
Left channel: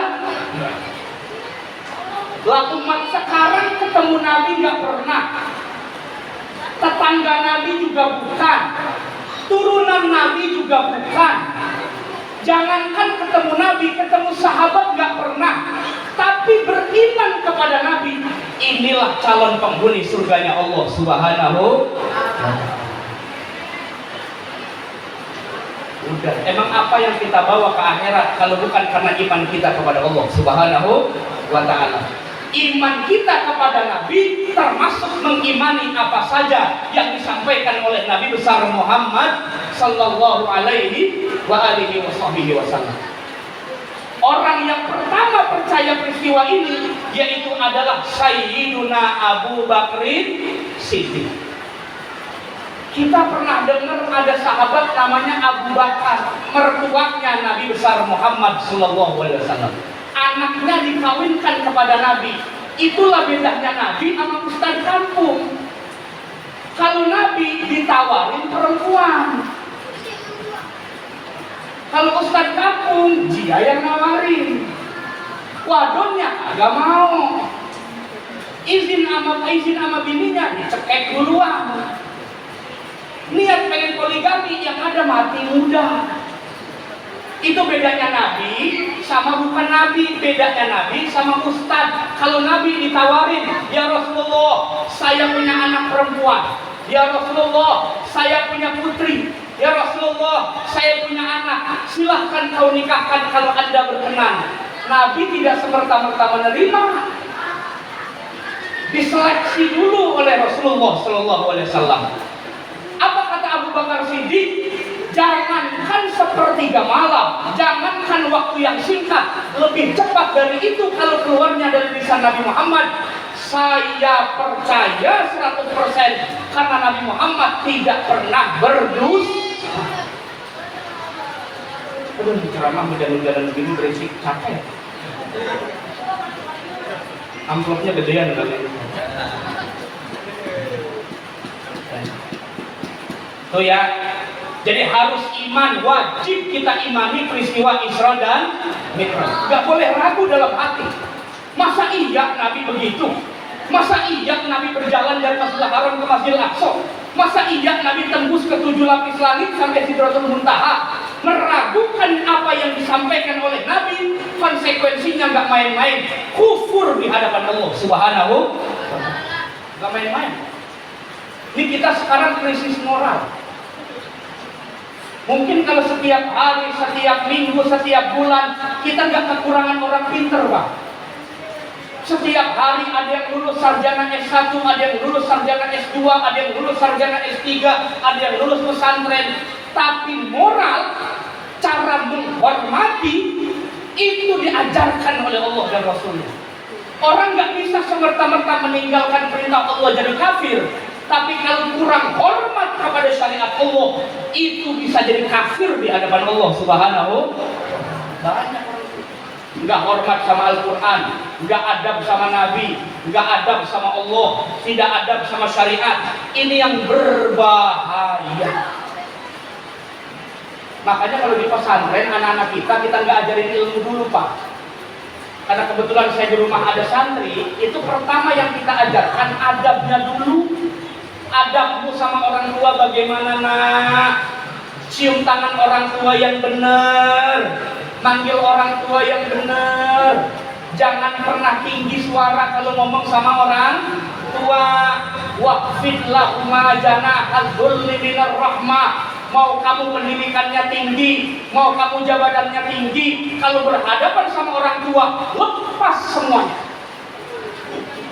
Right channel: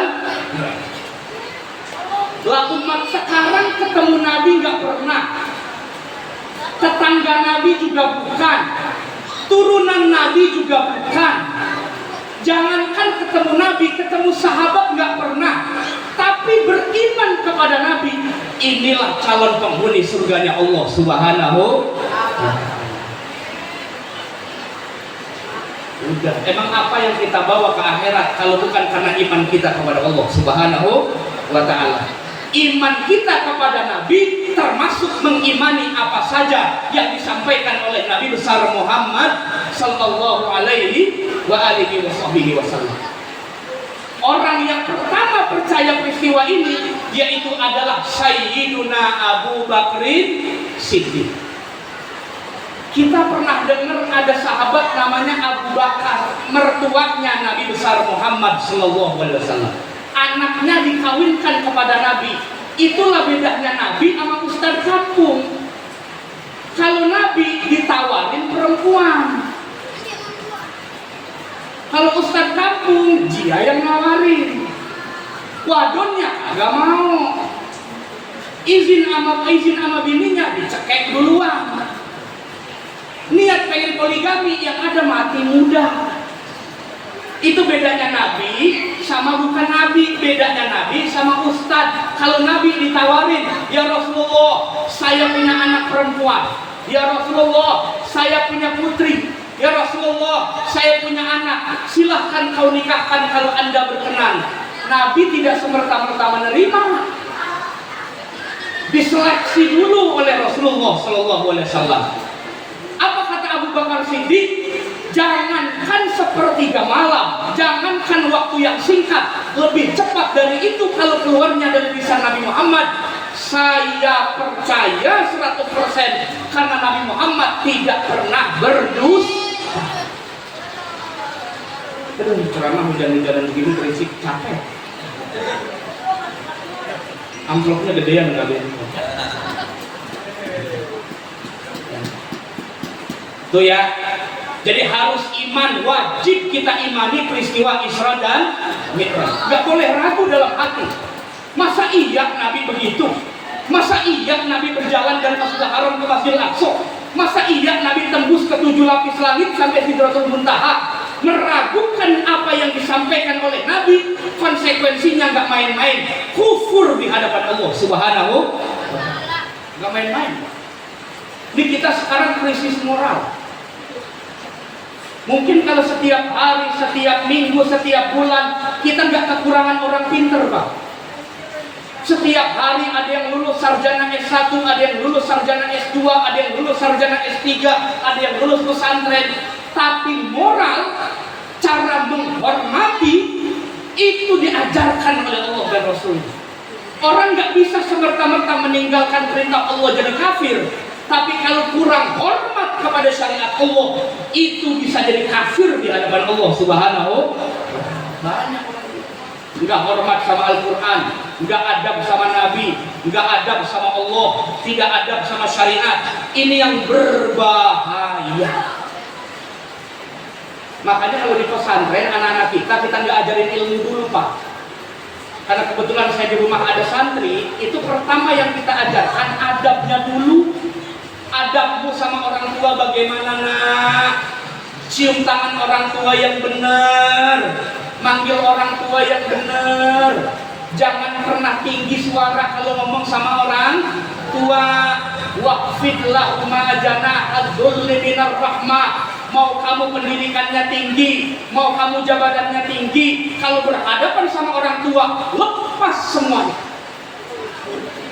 lah umat sekarang ketemu Nabi nggak pernah, tetangga Nabi juga bukan, turunan Nabi juga bukan. Jangankan ketemu Nabi, ketemu sahabat nggak pernah. Tapi beriman kepada Nabi, inilah calon penghuni surganya Allah Subhanahu. Udah, emang apa yang kita bawa ke akhirat kalau bukan karena iman kita kepada Allah Subhanahu wa ta'ala? Iman kita kepada Nabi termasuk mengimani apa saja yang disampaikan oleh Nabi besar Muhammad sallallahu alaihi wa alihi wasallam. Orang yang pertama percaya peristiwa ini yaitu adalah Sayyiduna Abu Bakrin Siddiq. Kita pernah dengar ada sahabat namanya Abu Bakar, mertuanya Nabi besar Muhammad sallallahu alaihi wasallam. Anaknya dikawinkan kepada Nabi. Itulah bedanya Nabi sama ustaz kampung. Kalau Nabi ditawarin perempuan, kalau ustaz kampung dia yang nawarin. Wadonnya agak mau. Izin sama bininya dicekek duluan. Niat pengen poligami yang ada mati muda. Itu bedanya Nabi sama bukan Nabi, bedanya Nabi sama ustadz. Kalau Nabi ditawarin, ya Rasulullah, saya punya anak perempuan. Ya Rasulullah, saya punya putri. Ya Rasulullah, saya punya anak. Silahkan kau nikahkan kalau Anda berkenan. Nabi tidak semerta-merta menerima. Diseleksi dulu oleh Rasulullah Sallallahu Alaihi Wasallam. Apa kata Abu Bakar Siddiq? Jangankan sepertiga malam, jangankan waktu yang singkat, lebih cepat dari itu kalau keluarnya dari lisan Nabi Muhammad. Saya percaya 100% karena Nabi Muhammad tidak pernah berdusta. Aduh, ceramah hujan-hujanan begini berisik, capek. Amplopnya gedean kali ini. Tuh ya. Jadi harus iman, wajib kita imani peristiwa Isra dan Mi'raj. Gak boleh ragu dalam hati. Masa iya Nabi begitu? Masa iya Nabi berjalan dari Masjidil Haram ke Masjidil Aqsa? Masa iya Nabi tembus ke 7 lapis langit sampai Sidratul Muntaha? Meragukan apa yang disampaikan oleh Nabi, konsekuensinya gak main-main. Kufur di hadapan Allah Subhanahu. Gak main-main. Ini kita sekarang krisis moral. Mungkin kalau setiap hari, setiap minggu, setiap bulan kita nggak kekurangan orang pinter, Pak. Setiap hari ada yang lulus sarjana S1, ada yang lulus sarjana S2, ada yang lulus sarjana S3, ada yang lulus pesantren. Tapi moral, cara menghormati itu diajarkan oleh Allah dan Rasulnya. Orang nggak bisa semerta-merta meninggalkan perintah Allah jadi kafir. Tapi kalau kurang hormat kepada syariat Allah, itu bisa jadi kafir di hadapan Allah Subhanahu. Banyak orang nggak hormat sama Al-Quran, nggak adab sama Nabi, nggak adab sama Allah, tidak adab sama syariat. Ini yang berbahaya. Makanya kalau di pesantren anak-anak kita nggak ajarin ilmu dulu, Pak. Karena kebetulan saya di rumah ada santri, itu pertama yang kita ajarkan adabnya dulu. Adabmu sama orang tua bagaimana, nak? Cium tangan orang tua yang benar, manggil orang tua yang benar. Jangan pernah tinggi suara kalau ngomong sama orang tua. Waqfid lahuma janaha dzulli minar rahmah. Mau kamu pendidikannya tinggi, mau kamu jabatannya tinggi, kalau berhadapan sama orang tua, lepas semuanya.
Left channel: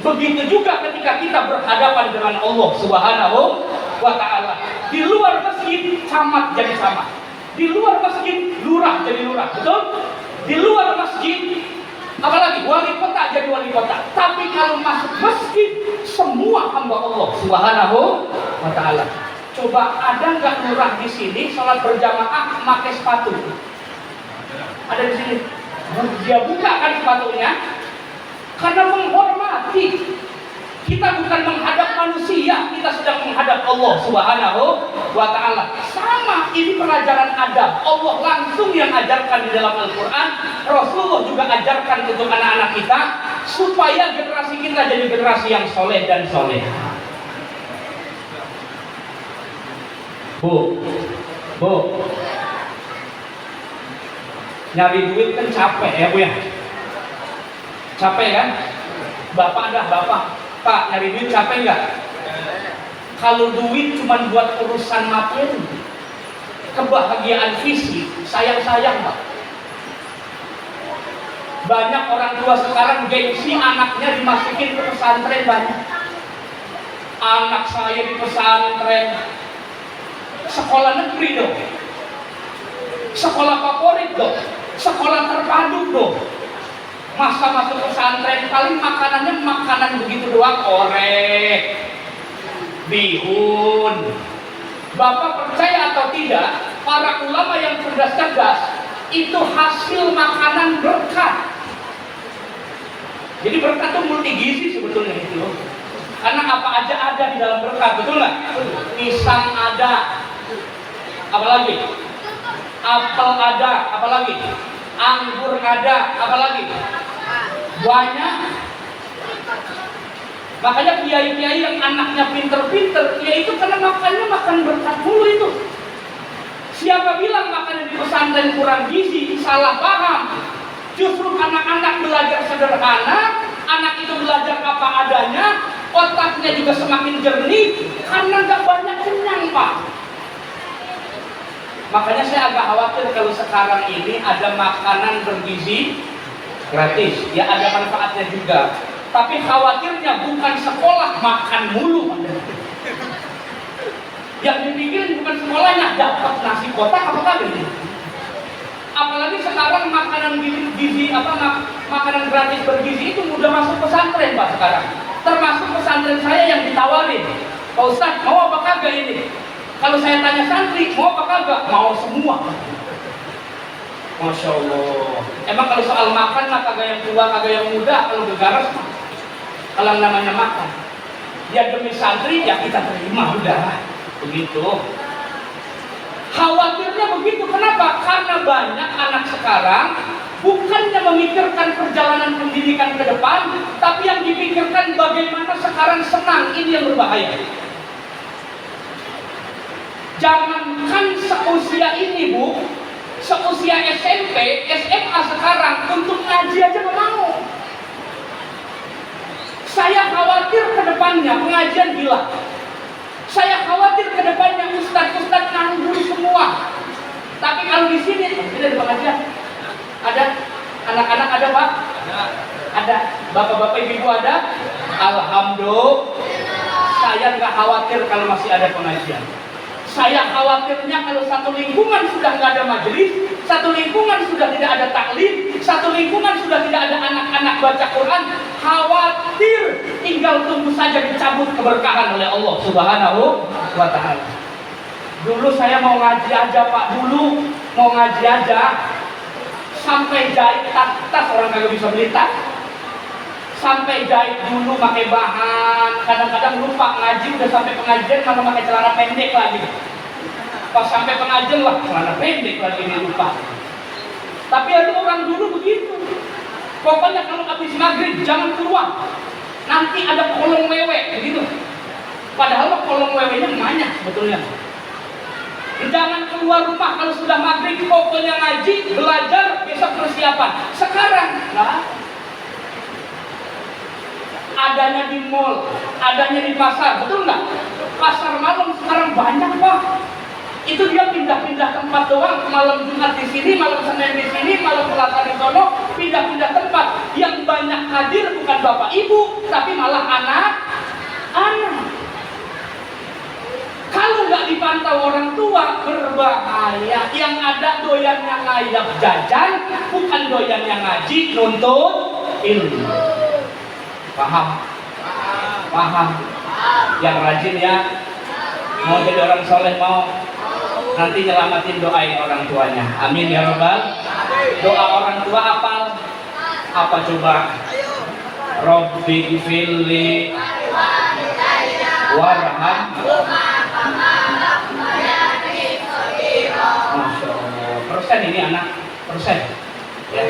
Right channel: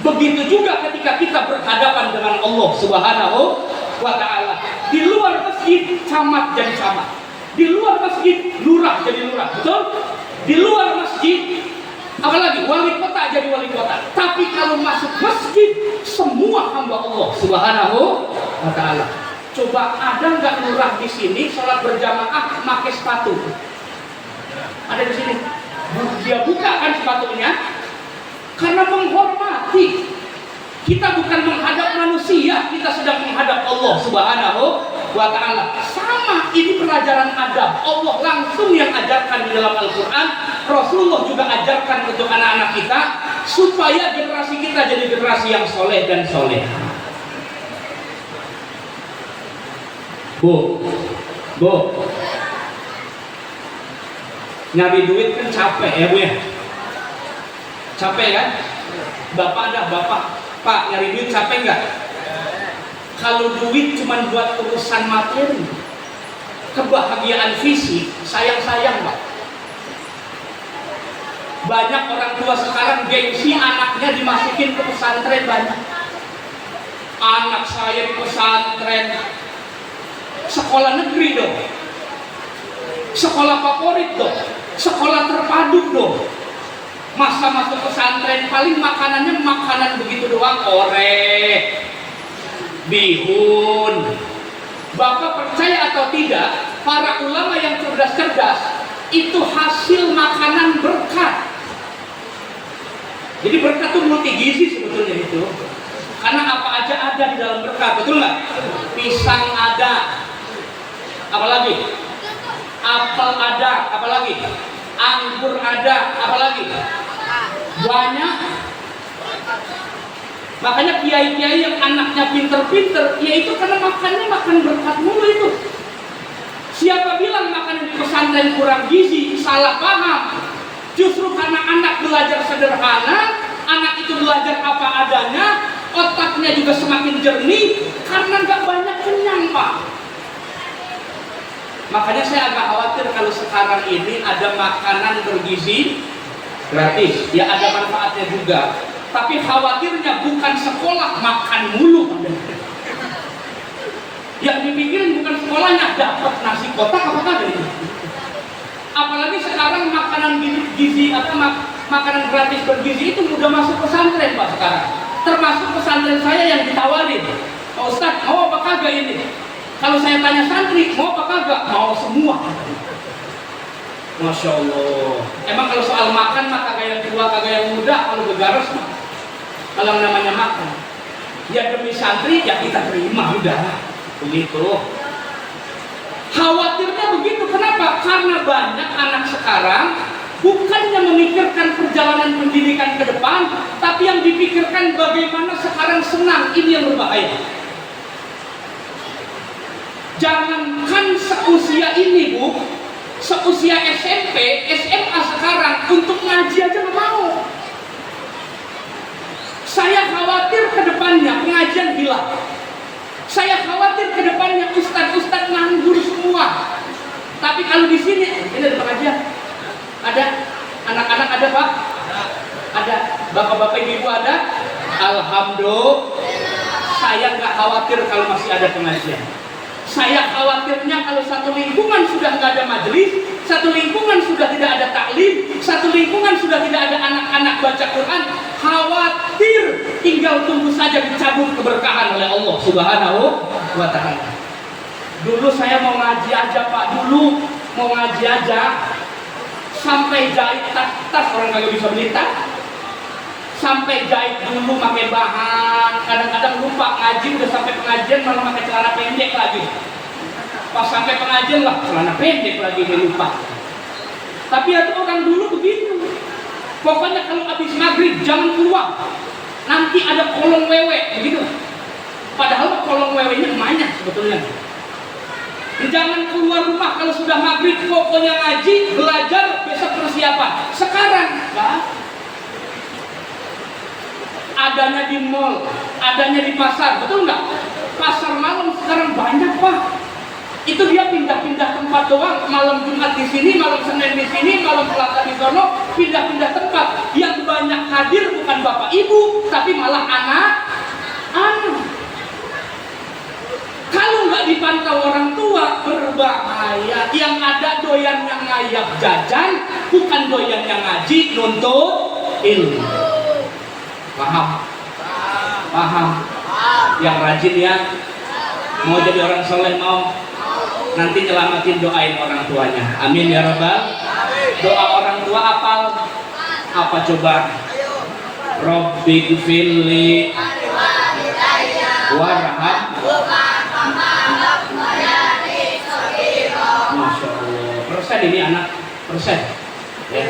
Begitu juga ketika kita berhadapan dengan Allah Subhanahu wa ta'ala. Di luar masjid, camat jadi camat. Di luar masjid, lurah jadi lurah. Betul? Di luar masjid, apalagi wali kota jadi wali kota. Tapi kalau masuk masjid, semua hamba Allah Subhanahu wa ta'ala. Coba ada nggak lurah di sini sholat berjamaah pakai sepatu? Ada di sini. Dia buka kan sepatunya karena menghormati. Kita bukan menghadap manusia, kita sedang menghadap Allah Subhanahu wa ta'ala. Sama, ini pelajaran adab. Allah langsung yang ajarkan di dalam Al-Quran. Rasulullah juga ajarkan untuk anak-anak kita, supaya generasi kita jadi generasi yang soleh dan soleh. Bu, nyari duit kan capek ya Bu ya? Capek kan? Bapak, Pak, nyari duit capek nggak? Kalau duit cuma buat urusan materi, kebahagiaan fisik, sayang Pak. Banyak orang tua sekarang gengsi anaknya dimasukin ke pesantren banyak. Anak saya di pesantren, sekolah negeri dong, sekolah favorit dong, sekolah terpadu dong. Masa masuk pesantren paling makanannya makanan begitu doang, orek, bihun. Bapak percaya atau tidak, para ulama yang cerdas-cerdas itu hasil makanan berkat. Jadi berkat itu multi gizi sebetulnya itu. Karena apa aja ada di dalam berkat, betul nggak? Pisang ada, apalagi? Apel ada, apalagi? Anggur ada, apalagi? Banyak. Makanya kiai-kiai yang anaknya pinter-pinter, yaitu karena makan berkat mulu itu. Siapa bilang makanan di pesantren kurang gizi? Salah paham. Justru karena anak belajar sederhana, anak itu belajar apa adanya, otaknya juga semakin jernih karena gak banyak kenyang Pak. Makanya saya agak khawatir kalau sekarang ini ada makanan bergizi gratis, ya ada manfaatnya juga. Tapi khawatirnya bukan sekolah makan mulu. Yang dipikirin bukan sekolahnya dapat nasi kotak apa kagak. Apalagi sekarang makanan gizi makanan gratis bergizi itu mudah masuk pesantren Pak sekarang. Termasuk pesantren saya yang ditawarin, Pak Ustadz mau apa kagak ini? Kalau saya tanya santri mau apa kagak? Mau semua. Masya Allah. Emang kalau soal makan mah kagak yang tua kagak yang muda, kalau gegares mah. Kalau namanya makan, ya demi santri ya kita terima udah. Begitu. Khawatirnya begitu. Kenapa? Karena banyak anak sekarang bukannya memikirkan perjalanan pendidikan ke depan, tapi yang dipikirkan bagaimana sekarang senang. Ini yang berbahaya. Jangankan seusia ini Bu, seusia SMP, SMA sekarang untuk ngaji aja nggak mau. Saya khawatir ke depannya pengajian hilang. Saya khawatir ke depannya ustadz-ustadz nganggur semua. Tapi kalau di sini, ini ada pengajian, ada anak-anak ada Pak, ada bapak-bapak ibu ada. Alhamdulillah, saya nggak khawatir kalau masih ada pengajian. Saya khawatirnya kalau satu lingkungan sudah nggak ada majelis, satu lingkungan sudah tidak ada taklim, satu lingkungan sudah tidak ada anak-anak baca Quran, khawatir tinggal tunggu saja dicabut keberkahan oleh Allah Subhanahu wa Ta'ala. Dulu saya mau ngaji aja Pak, dulu mau ngaji aja sampai jahit tas orang kagak bisa beli tas, sampai jahit dulu pakai bahan, kadang-kadang lupa ngaji udah sampai pengajian malah pakai celana pendek lagi. Pas sampai pengajian lah celana pendek lagi dia lupa. Tapi itu orang dulu begitu. Pokoknya kalau habis maghrib jangan keluar, nanti ada kolong wewe begitu. Padahal kolong wewenya banyak sebetulnya. Jangan keluar rumah kalau sudah maghrib, pokoknya ngaji, belajar, besok persiapan. Sekarang nah, adanya di mall, adanya di pasar, betul nggak? Pasar malam sekarang banyak Pak. Itu dia pindah-pindah tempat doang. Malam Jumat di sini, malam Senin di sini, malam Selasa di sono, pindah-pindah tempat. Yang banyak hadir bukan bapak ibu, tapi malah anak-anak. Kalau nggak dipantau orang tua berbahaya. Yang ada doyannya ngayap jajan, bukan doyannya ngaji, nuntut ilmu. Paham? Paham? Yang rajin ya. Mau jadi orang soleh mau. Nanti nyelamatin doain orang tuanya. Amin ya Rabbal. Doa orang tua apa coba? Rabbi gfirli warham ini anak persen. Ya.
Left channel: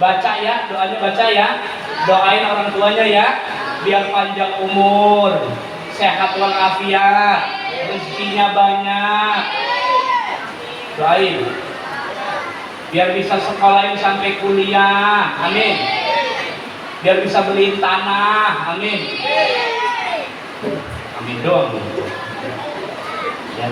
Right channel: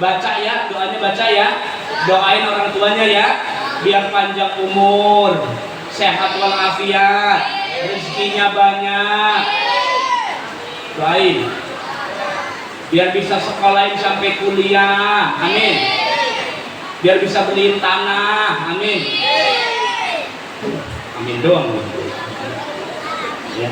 Baca ya, doanya baca ya. Doain orang tuanya ya, biar panjang umur, sehat walafiat, rezekinya banyak. Doain. Biar bisa sekolahin sampai kuliah. Amin. Biar bisa beliin tanah. Amin. Amin doang. Ya.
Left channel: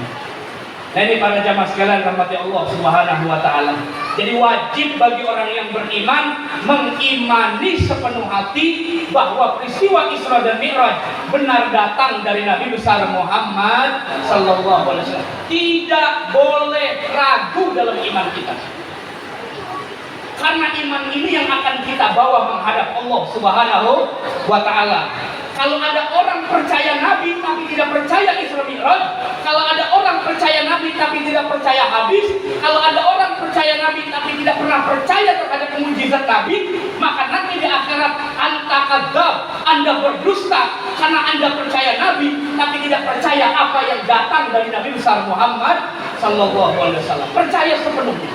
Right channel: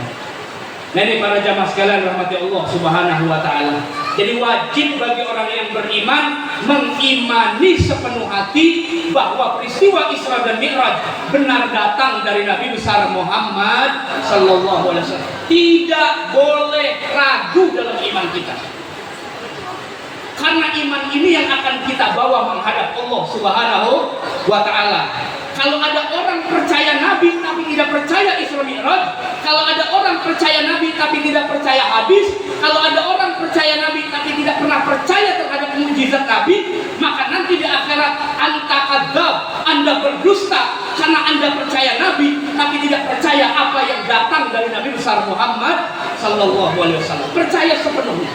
Nah ini para jamaah sekalian rahmati Allah Subhanahu wa taala. Jadi wajib bagi orang yang beriman mengimani sepenuh hati bahwa peristiwa Isra dan Mi'raj benar datang dari Nabi besar Muhammad sallallahu alaihi wasallam. Tidak boleh ragu dalam iman kita. Karena iman ini yang akan kita bawa menghadap Allah Subhanahu wa taala. Kalau ada orang percaya Nabi tapi tidak percaya Isra Mi'raj, kalau ada orang percaya Nabi tapi tidak percaya hadis, kalau ada orang percaya Nabi tapi tidak pernah percaya terhadap mukjizat Nabi, maka nanti di akhirat anta kadzab, Anda berdusta karena Anda percaya Nabi tapi tidak percaya apa yang datang dari Nabi besar Muhammad sallallahu alaihi wasallam. Percaya sepenuhnya.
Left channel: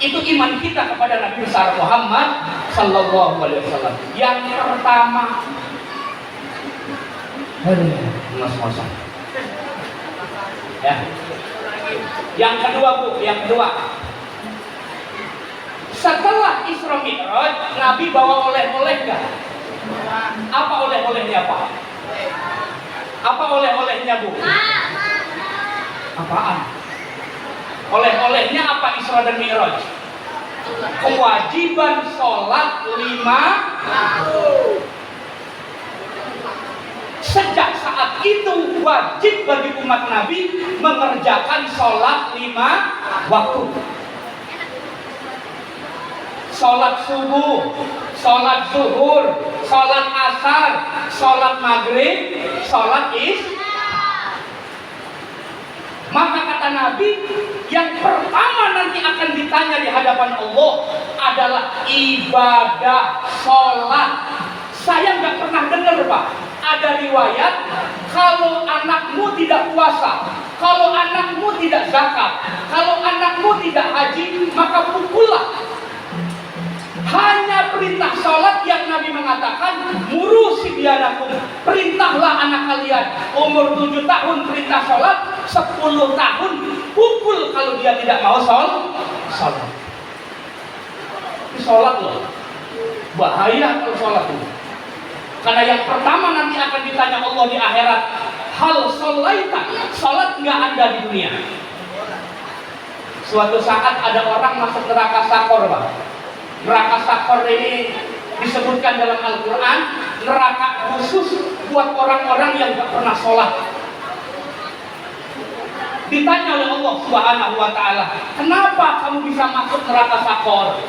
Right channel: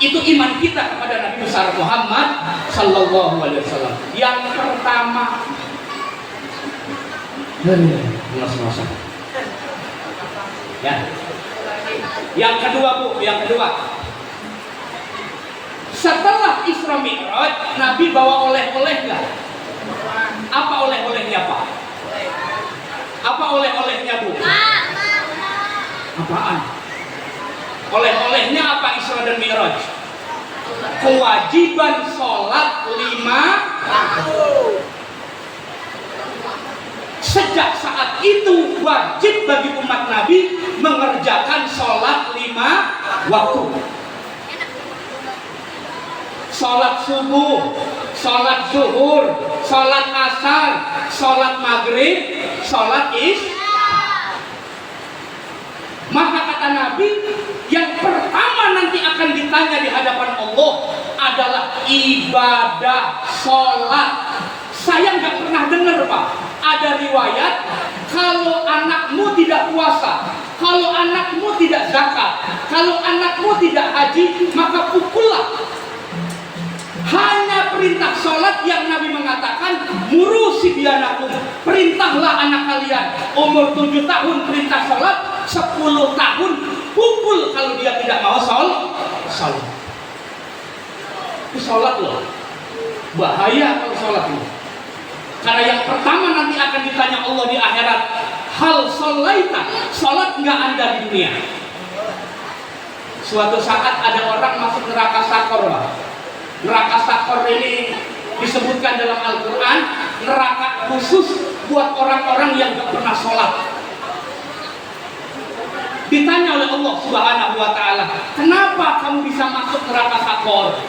Itu iman kita kepada Nabi besar Muhammad sallallahu alaihi wasallam. Yang pertama, ya. Yang kedua Bu, yang kedua. Setelah Isra Mi'raj, Nabi bawa oleh-oleh enggak? Apa oleh-olehnya Pak? Apa oleh-olehnya Bu? Apaan? Oleh-olehnya apa Isra dan Mi'raj? Kewajiban sholat 5 waktu. Sejak saat itu wajib bagi umat Nabi mengerjakan sholat 5 waktu. Sholat subuh, sholat zuhur, sholat asar, sholat maghrib, sholat isya. Maka kata Nabi, yang pertama nanti akan ditanya di hadapan Allah adalah ibadah sholat. Saya nggak pernah dengar Pak, ada riwayat kalau anakmu tidak puasa, kalau anakmu tidak zakat, kalau anakmu tidak haji, maka pukullah. Hanya perintah sholat yang Nabi mengatakan muru sibyanakum, perintahlah anak kalian umur 7 tahun perintah sholat, 10 tahun pukul kalau dia tidak mau sholat. Ini sholat loh, bahaya kalau sholat loh. Karena yang pertama nanti akan ditanya Allah di akhirat, hal sholaita, sholat nggak ada di dunia. Suatu saat ada orang masuk neraka sakor Pak. Neraka sakor ini disebutkan dalam Al-Quran, neraka khusus buat orang-orang yang nggak pernah sholat. Ditanya oleh Allah Subhanahu wa taala, kenapa kamu bisa masuk neraka sakor?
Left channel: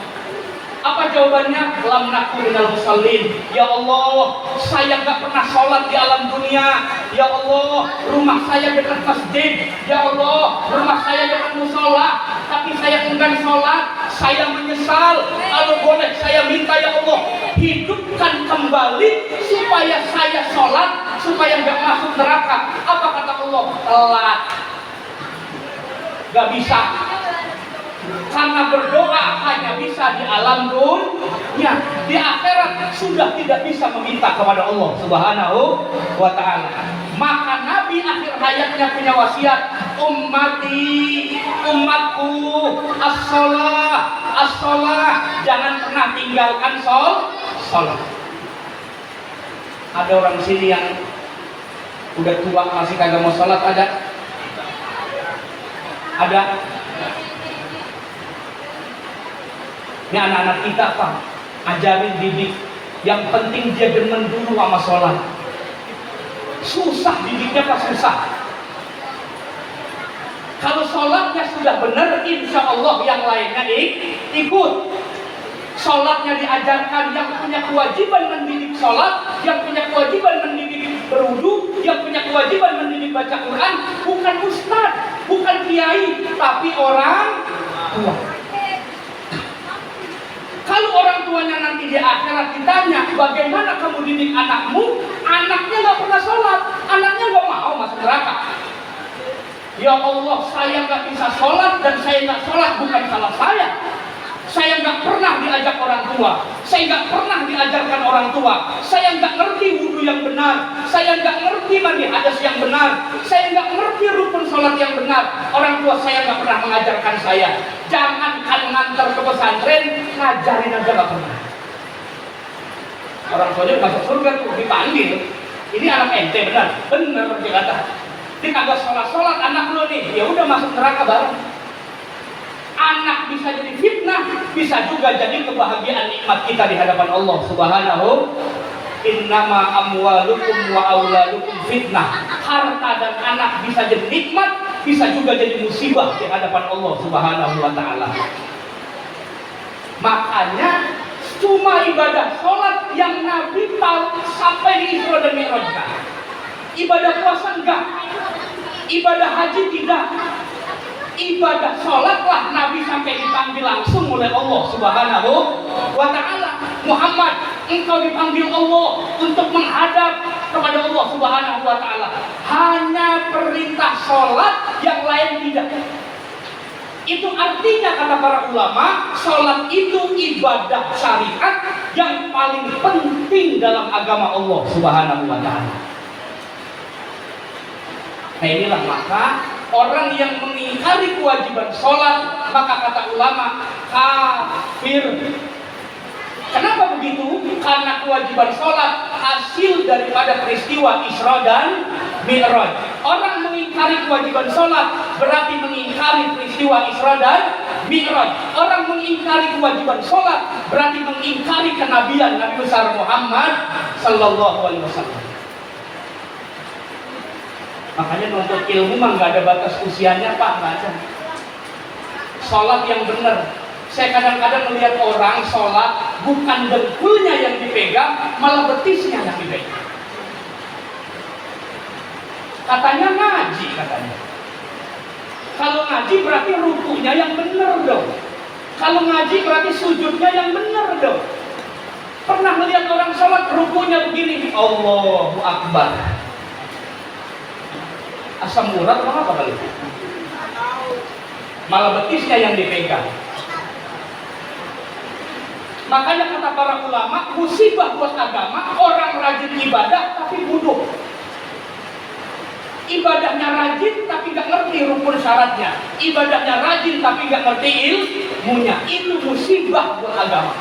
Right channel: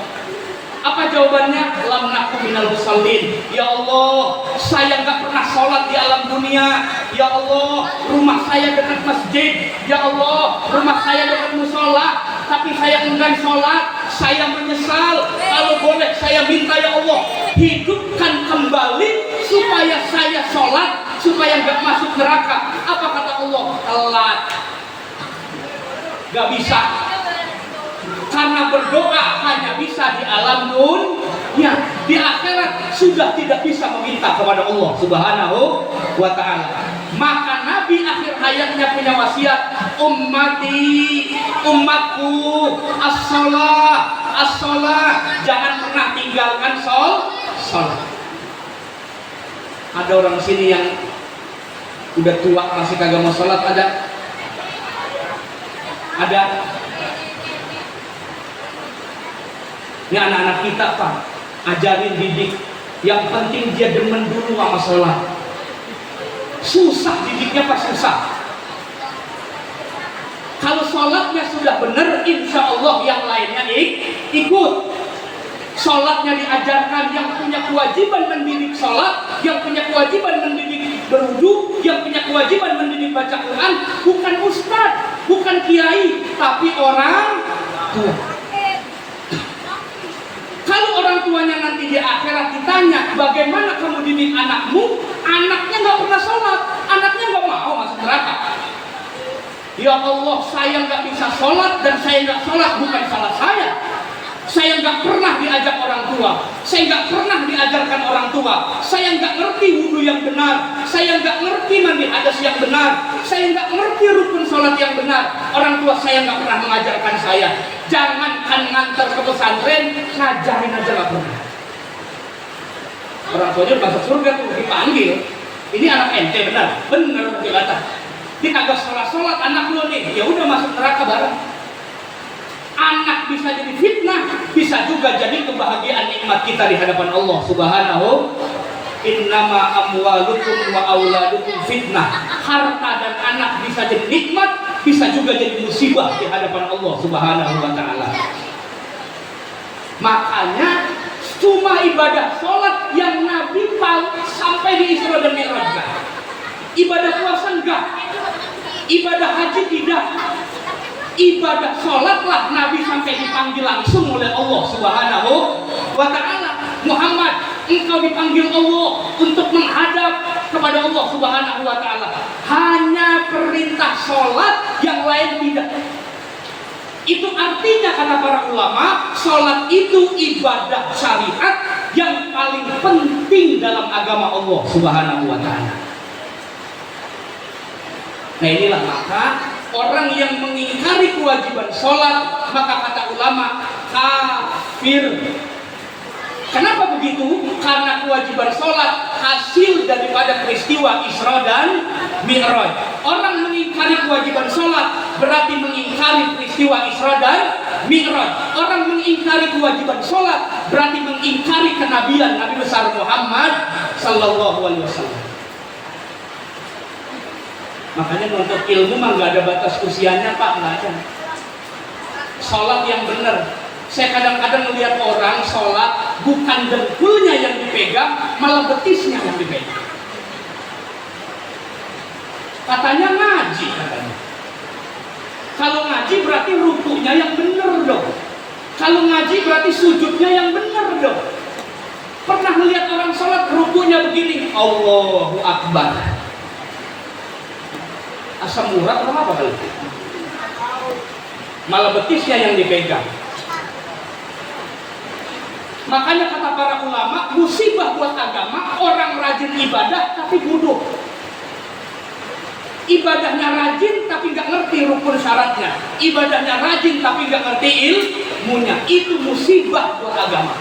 Apa jawabannya? Lam naku minal musallin. Ya Allah, saya nggak pernah sholat di alam dunia. Ya Allah, rumah saya dekat masjid. Ya Allah, rumah saya dekat musola, tapi saya enggan sholat. Saya menyesal. Kalau boleh saya minta ya Allah, hidupkan kembali supaya saya sholat, supaya nggak masuk neraka. Apa kata Allah? Telat. Gak bisa. Karena berdoa hanya bisa di alam dunia, di akhirat sudah tidak bisa meminta kepada Allah Subhanahu wa taala. Maka Nabi akhir hayatnya punya wasiat, umatku, as-sholah, jangan pernah tinggalkan sholat. Ada orang sini yang udah tua masih kagak mau sholat, ada? Ini anak-anak kita Pak, ajarin didik. Yang penting dia demen dulu sama sholat. Susah didiknya Pak, susah. Kalau sholatnya sudah benar, insya Allah yang lainnya ikut. Sholatnya diajarkan, yang punya kewajiban mendidik sholat, yang punya kewajiban mendidik berwudu, yang punya kewajiban mendidik baca Quran, bukan ustadz, bukan kiai, tapi orang tua. Kalau orang tuanya nanti di akhirat ditanya, bagaimana kamu didik anakmu? Anaknya nggak pernah sholat, anaknya nggak mau masuk neraka. Ya Ya Allah, saya nggak bisa sholat dan saya nggak sholat bukan salah saya. Saya nggak pernah diajak orang tua, saya nggak pernah diajarkan orang tua, saya nggak ngerti wudhu yang benar, saya nggak ngerti mandi hadas yang benar, saya nggak ngerti rukun sholat yang benar. Orang tua saya nggak pernah mengajarkan saya. Jangankan ngantar ke pesantren, ngajarin aja nggak pernah. Orang tuanya masuk surga tuh dipanggil, ini anak ente benar, benar dikata. Dia kagak sholat anak lu nih, ya udah masuk neraka bareng. Anak bisa jadi fitnah, bisa juga jadi kebahagiaan nikmat kita di hadapan Allah Subhanahu. Innama amwalukum wa auladukum fitnah. Harta dan anak bisa jadi nikmat, bisa juga jadi musibah di hadapan Allah Subhanahu wa taala. Makanya cuma ibadah sholat yang Nabi sampai di Isra dan Mi'raj. Ibadah puasa enggak, ibadah haji tidak. Ibadah sholatlah Nabi sampai dipanggil langsung oleh Allah Subhanahu wa ta'ala. Muhammad, engkau dipanggil Allah untuk menghadap kepada Allah Subhanahu wa ta'ala. Hanya perintah sholat, yang lain tidak. Itu artinya kata para ulama, sholat itu ibadah syariat yang paling penting dalam agama Allah Subhanahu wa ta'ala. Nah inilah maka orang yang mengingkari kewajiban sholat, maka kata ulama kafir. Kenapa begitu? Karena kewajiban sholat hasil daripada peristiwa Isra dan Mi'raj. Orang mengingkari kewajiban sholat berarti mengingkari peristiwa Isra dan Mi'raj. Orang mengingkari kewajiban sholat berarti mengingkari kenabian Nabi besar Muhammad Sallallahu Alaihi Wasallam. Makanya untuk ilmu mah nggak ada batas usianya Pak, nggak ada. Sholat yang benar. Saya kadang-kadang melihat orang sholat bukan dengkulnya yang dipegang, malah betisnya yang dipegang. Katanya ngaji katanya. Kalau ngaji berarti rukunya yang benar dong. Kalau ngaji berarti sujudnya yang benar dong. Pernah melihat orang sholat rukunya begini, Allahu Akbar. Asam urat atau apa kali? Malah betisnya yang dipegang. Makanya kata para ulama, musibah buat agama orang rajin ibadah tapi bodoh. Ibadahnya rajin tapi nggak ngerti rukun syaratnya. Ibadahnya rajin tapi nggak ngerti ilmunya. Itu musibah buat agama.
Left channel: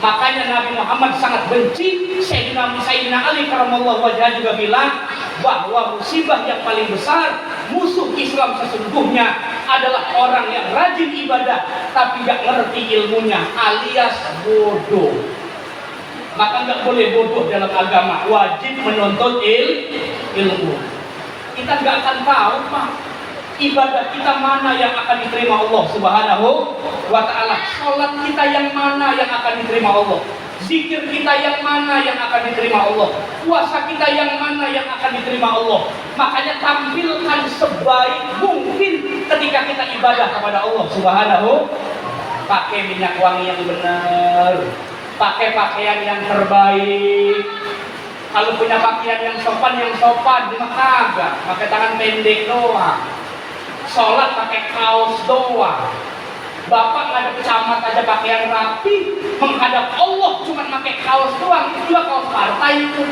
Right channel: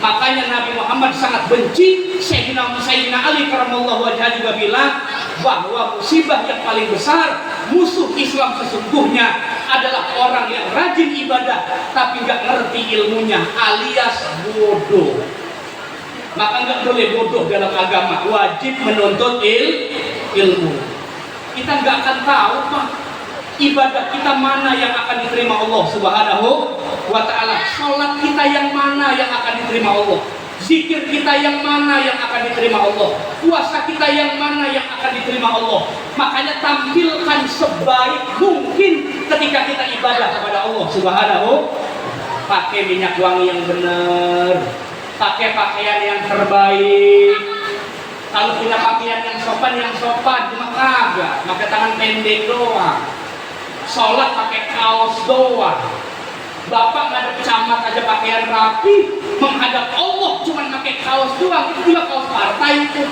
Makanya Nabi Muhammad sangat benci. Sayyidina Ali karamallahu wajhah juga bilang bahwa musibah yang paling besar, musuh Islam sesungguhnya adalah orang yang rajin ibadah tapi nggak ngerti ilmunya, alias bodoh. Maka nggak boleh bodoh dalam agama, wajib menuntut ilmu. Kita nggak akan tahu Pak, ibadah kita mana yang akan diterima Allah Subhanahu wa ta'ala. Sholat kita yang mana yang akan diterima Allah. Zikir kita yang mana yang akan diterima Allah. Puasa kita yang mana yang akan diterima Allah. Makanya tampilkan sebaik mungkin ketika kita ibadah kepada Allah Subhanahu. Pakai minyak wangi yang benar, pakai pakaian yang terbaik. Kalau punya pakaian yang sopan cuma kagak, pakai tangan pendek doang. Sholat pakai kaos doang. Bapak nggak ada camat aja pakaian rapi, menghadap Allah cuma pakai kaos doang, itu juga kaos partai itu.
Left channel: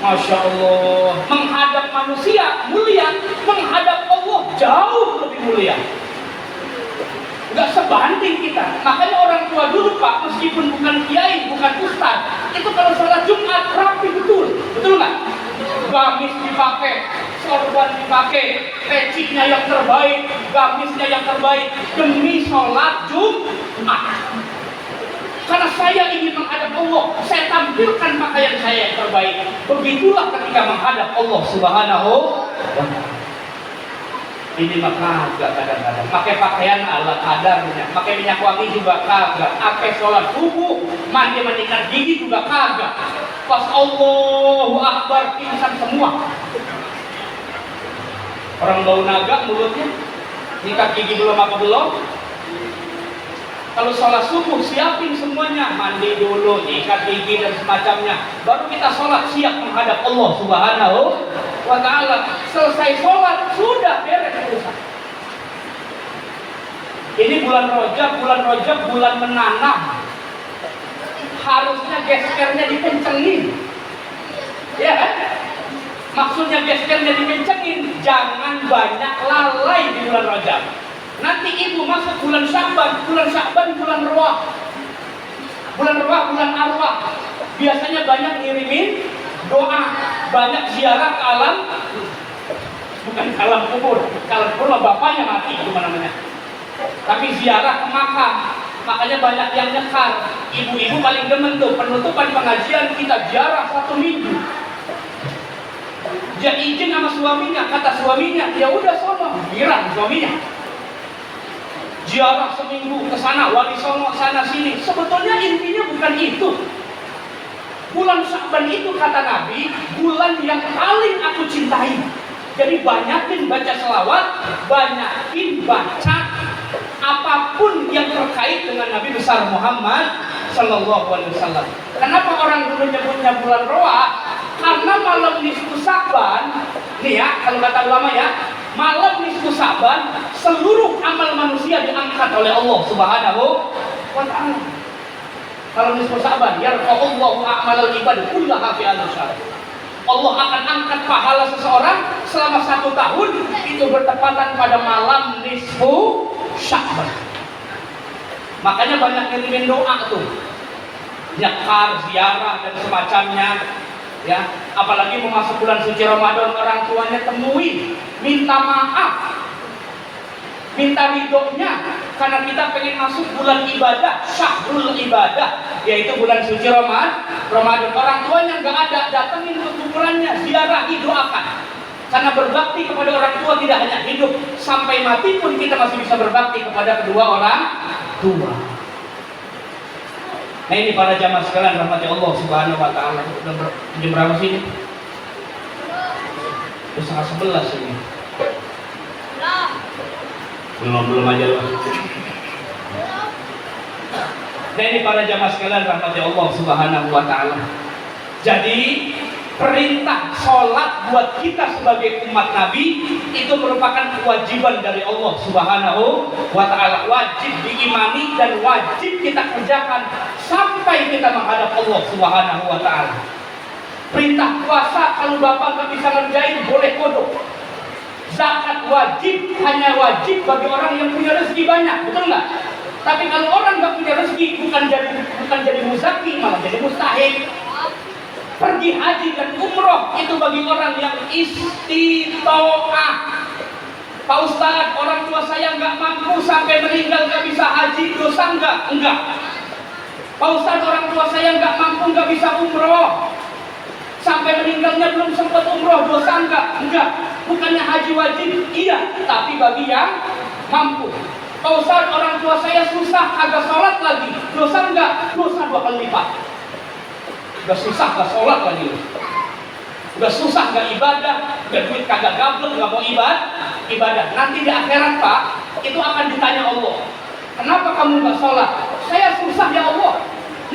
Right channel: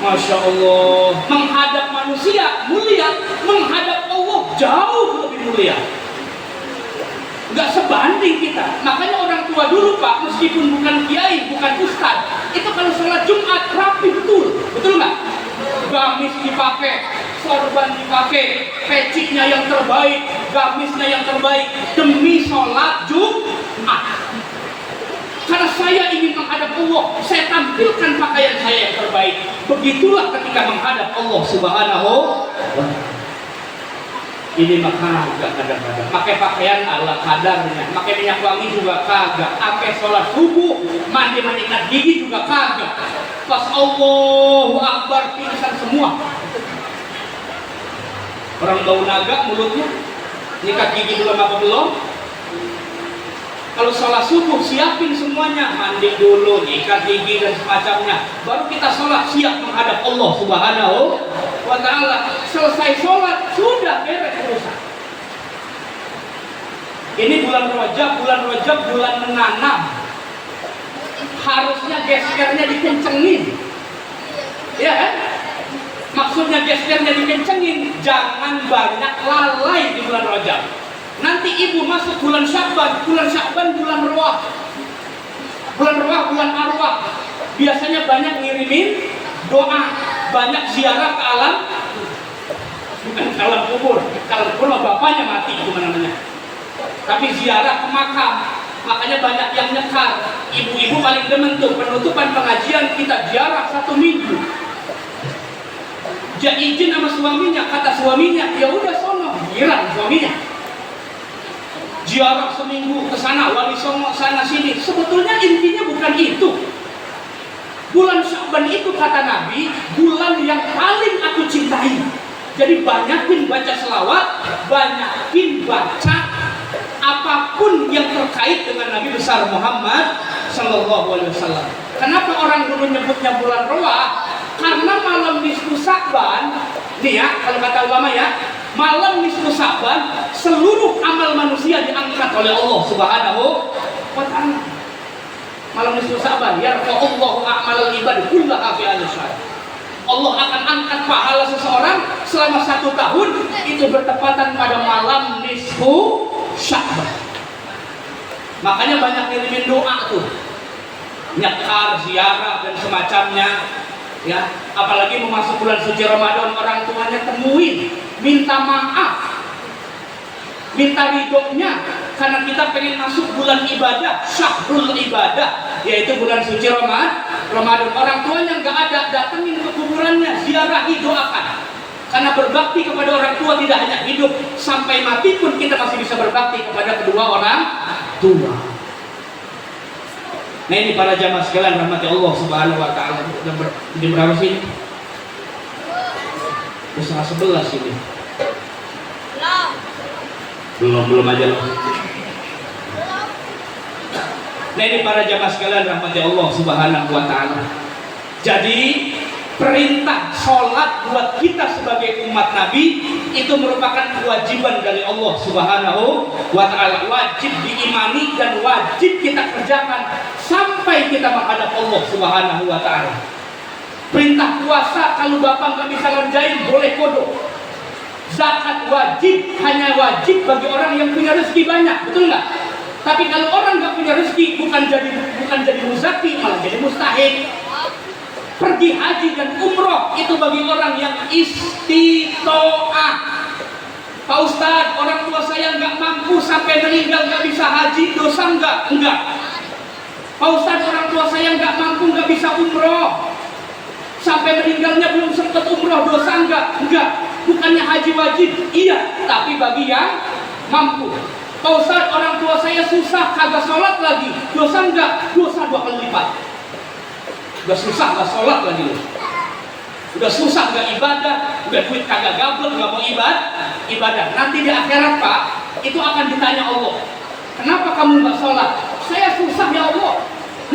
Masya Allah, menghadap manusia mulia, menghadap Allah jauh lebih mulia. Nggak sebanding kita. Makanya orang tua dulu Pak, meskipun bukan kiai, bukan ustaz, itu kalau sholat Jumat rapi betul nggak? Gamis dipakai, sorban dipakai, pecinya yang terbaik, gamisnya yang terbaik demi sholat Jumat. Karena saya ingin menghadap Allah, saya tampilkan pakaian saya yang terbaik. Begitulah ketika menghadap Allah Subhanahu wa ta'ala. Ini maka kagak kadang-kadang pakai pakaian ala kadarnya, pakai minyak wangi juga kagak, pakai sholat subuh, mandi mandikan gigi juga kagak. Pas Allahu Akbar pingsan semua. Orang bau naga mulutnya, nyikat gigi belum apa belum? Kalau sholat subuh siapin semuanya, mandi dulu, nyikat gigi dan semacamnya, baru kita sholat siap menghadap Allah Subhanahu. wa ta'ala. Selesai sholat, sudah beres urusan. Ini bulan Rajab bulan menanam. Harusnya geskernya dikencengin. Ya kan? Maksudnya geskernya dikencengin, jangan banyak lalai di bulan Rajab. Nanti ibu masuk bulan Sya'ban bulan Roah. Bulan Roah, bulan Arwah. Biasanya banyak ngirimin doa, banyak ziarah ke alam, bukan ke alam kubur. Kalau kubur bapaknya mati, itu namanya. Tapi ziarah ke makam, makanya banyak yang nyekar. Ibu-ibu paling demen tuh penutupan pengajian kita ziarah 1 minggu. Dia izin sama suaminya, kata suaminya, ya udah sono, girang suaminya. Ziarah seminggu ke sana, wali songo sana sini. Sebetulnya intinya bukan itu. Bulan Sya'ban itu kata Nabi, bulan yang paling aku cintai. Jadi banyakin baca selawat, banyakin baca apapun yang terkait dengan Nabi besar Muhammad Sallallahu Alaihi Wasallam. Kenapa orang dulu nyebutnya bulan Roah? Karena malam nisfu Sya'ban, nih ya, kalau kata ulama ya, malam nisfu Sya'ban seluruh amal manusia diangkat oleh Allah Subhanahu wa ta'ala. Malam nisfu Sya'ban, yarfa'ullahu a'malal ibad kullaha fi al-syahr. Allah akan angkat pahala seseorang selama 1 tahun, itu bertepatan pada malam nisfu Sya'ban. Makanya banyak ngirimin doa tuh, nyekar, ziarah dan semacamnya. Ya, apalagi memasuki bulan suci Ramadan, orang tuanya temuin, minta maaf, minta ridhonya, karena kita pengen masuk bulan ibadah, syahrul ibadah, yaitu bulan suci Ramadan. Orang tuanya nggak ada, datengin ke kuburannya, ziarahi, doakan. Karena berbakti kepada orang tua tidak hanya hidup, sampai mati pun kita masih bisa berbakti kepada kedua orang tua. Nah ini para jamaah sekalian rahmati Allah Subhanahu wa ta'ala. Jam berapa sih ini? Setengah 11 ini. Belum aja loh. Nah ini para jamaah sekalian rahmati Allah Subhanahu wa ta'ala. Jadi perintah sholat buat kita sebagai umat Nabi itu merupakan kewajiban dari Allah Subhanahu wa ta'ala. Wajib diimani dan wajib kita kerjakan sampai kita menghadap Allah Subhanahu wa ta'ala. Perintah puasa kalau bapak nggak bisa ngerjain boleh kodok. Zakat wajib, hanya wajib bagi orang yang punya rezeki banyak, betul nggak? Tapi kalau orang nggak punya rezeki, bukan jadi muzaki, malah jadi mustahil. Pergi haji dan umroh itu bagi orang yang istitoah. Pak Ustadz, orang tua saya nggak mampu sampai meninggal nggak bisa haji, dosa nggak? Enggak. Pak Ustadz, orang tua saya nggak mampu nggak bisa umroh, sampai meninggalnya belum sempat umroh, dosa nggak? Enggak. Bukannya haji wajib? Iya, tapi bagi yang mampu. Pak Ustadz, orang tua saya susah kagak sholat lagi, dosa nggak? Dosa 2 kali lipat. Udah susah gak sholat lagi, udah susah gak ibadah, udah duit kagak gabut, gak mau ibadah. Nanti di akhirat Pak, itu akan ditanya Allah, kenapa kamu gak sholat? Saya susah ya Allah,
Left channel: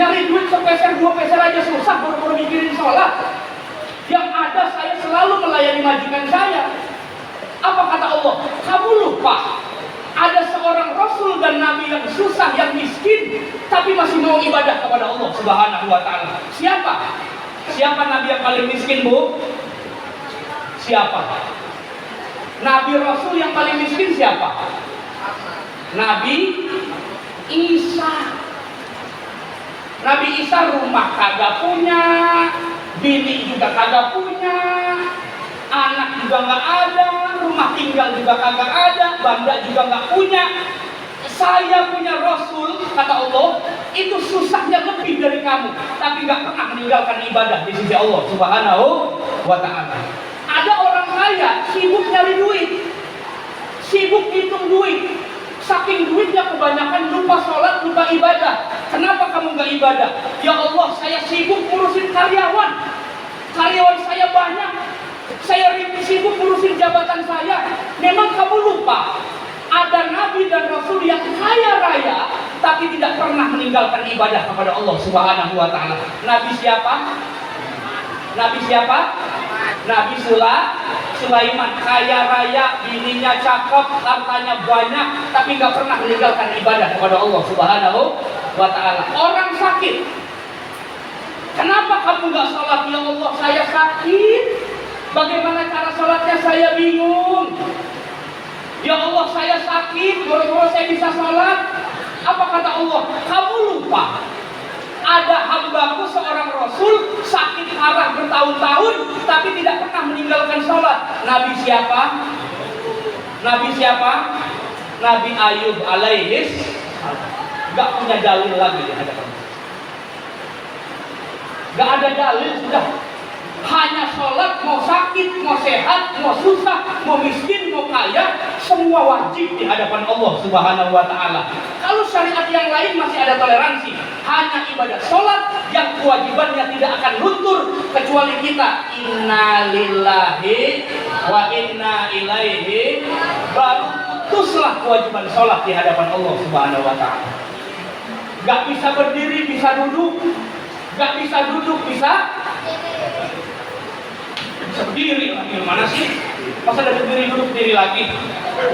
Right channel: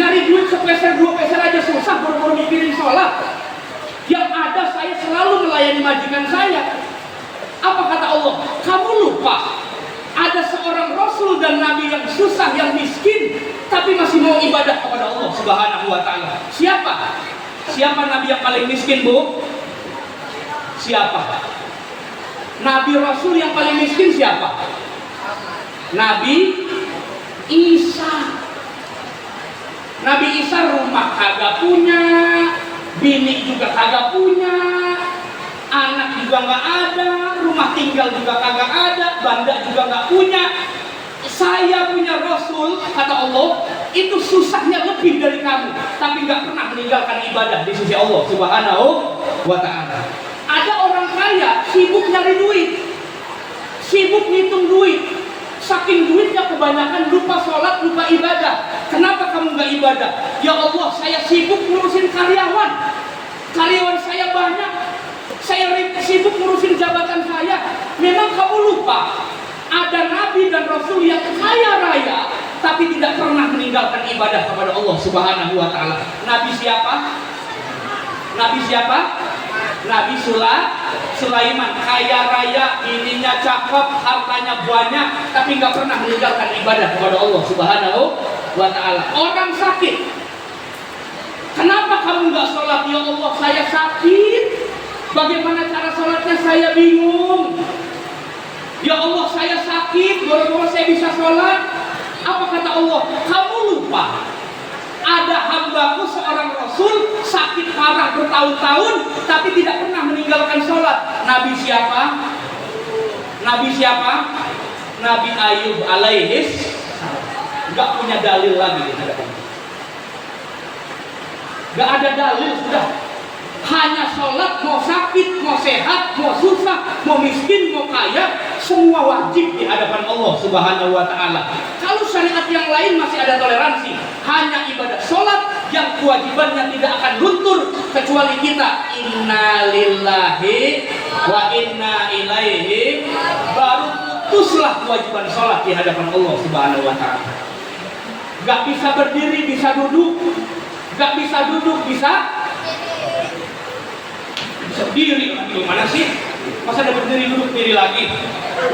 nyari duit sepeser 2 peser aja susah, baru mikirin sholat. Yang ada saya selalu melayani majikan saya. Apa kata Allah? Kamu lupa ada seorang Rasul dan Nabi yang susah, yang miskin, tapi masih mau ibadah kepada Allah Subhanahu wa ta'ala. Siapa? Siapa Nabi yang paling miskin, Bu? Siapa? Nabi Rasul yang paling miskin siapa? Nabi Isa. Nabi Isa rumah kagak punya, bini juga kagak punya, anak juga nggak ada, rumah tinggal juga kagak ada, banda juga nggak punya. Saya punya Rasul, kata Allah, itu susahnya lebih dari kamu, tapi nggak pernah meninggalkan ibadah di sisi Allah Subhanahu wa ta'ala. Ada orang kaya sibuk nyari duit, sibuk ngitung duit, saking duitnya kebanyakan lupa sholat, lupa ibadah. Kenapa kamu nggak ibadah? Ya Allah, saya sibuk ngurusin karyawan saya banyak, saya sibuk ngurusin jabatan saya. Memang kamu lupa ada Nabi dan Rasul yang kaya raya tapi tidak pernah meninggalkan ibadah kepada Allah Subhanahu wa ta'ala. Nabi siapa? Nabi siapa? Nabi Sulaiman, kaya raya, bininya cakep, hartanya banyak, tapi nggak pernah meninggalkan ibadah kepada Allah Subhanahu wa Ta'ala. Orang sakit, kenapa kamu nggak sholat? Ya Allah, saya sakit. Bagaimana cara sholatnya? Saya bingung. Ya Allah, saya sakit. Bagaimana saya bisa sholat? Apa kata Allah? Kamu lupa ada hambaku seorang Rasul sakit parah bertahun-tahun tapi tidak pernah meninggalkan sholat. Nabi siapa? Nabi siapa? Nabi Ayub alaihis. Gak punya dalil lagi di hadapan. Gak ada dalil sudah. Hanya sholat, mau sakit, mau sehat, mau susah, mau miskin, mau kaya, semua wajib di hadapan Allah Subhanahu wa Ta'ala. Kalau syariat yang lain masih ada toleransi. Hanya ibadah sholat yang kewajibannya tidak akan luntur kecuali kita inna lillahi wa inna ilaihi, baru putuslah kewajiban sholat di hadapan Allah Subhanahu wa Ta'ala. Gak bisa berdiri, bisa duduk. Gak bisa duduk, bisa berdiri. Gimana sih? Masa ada berdiri duduk berdiri lagi?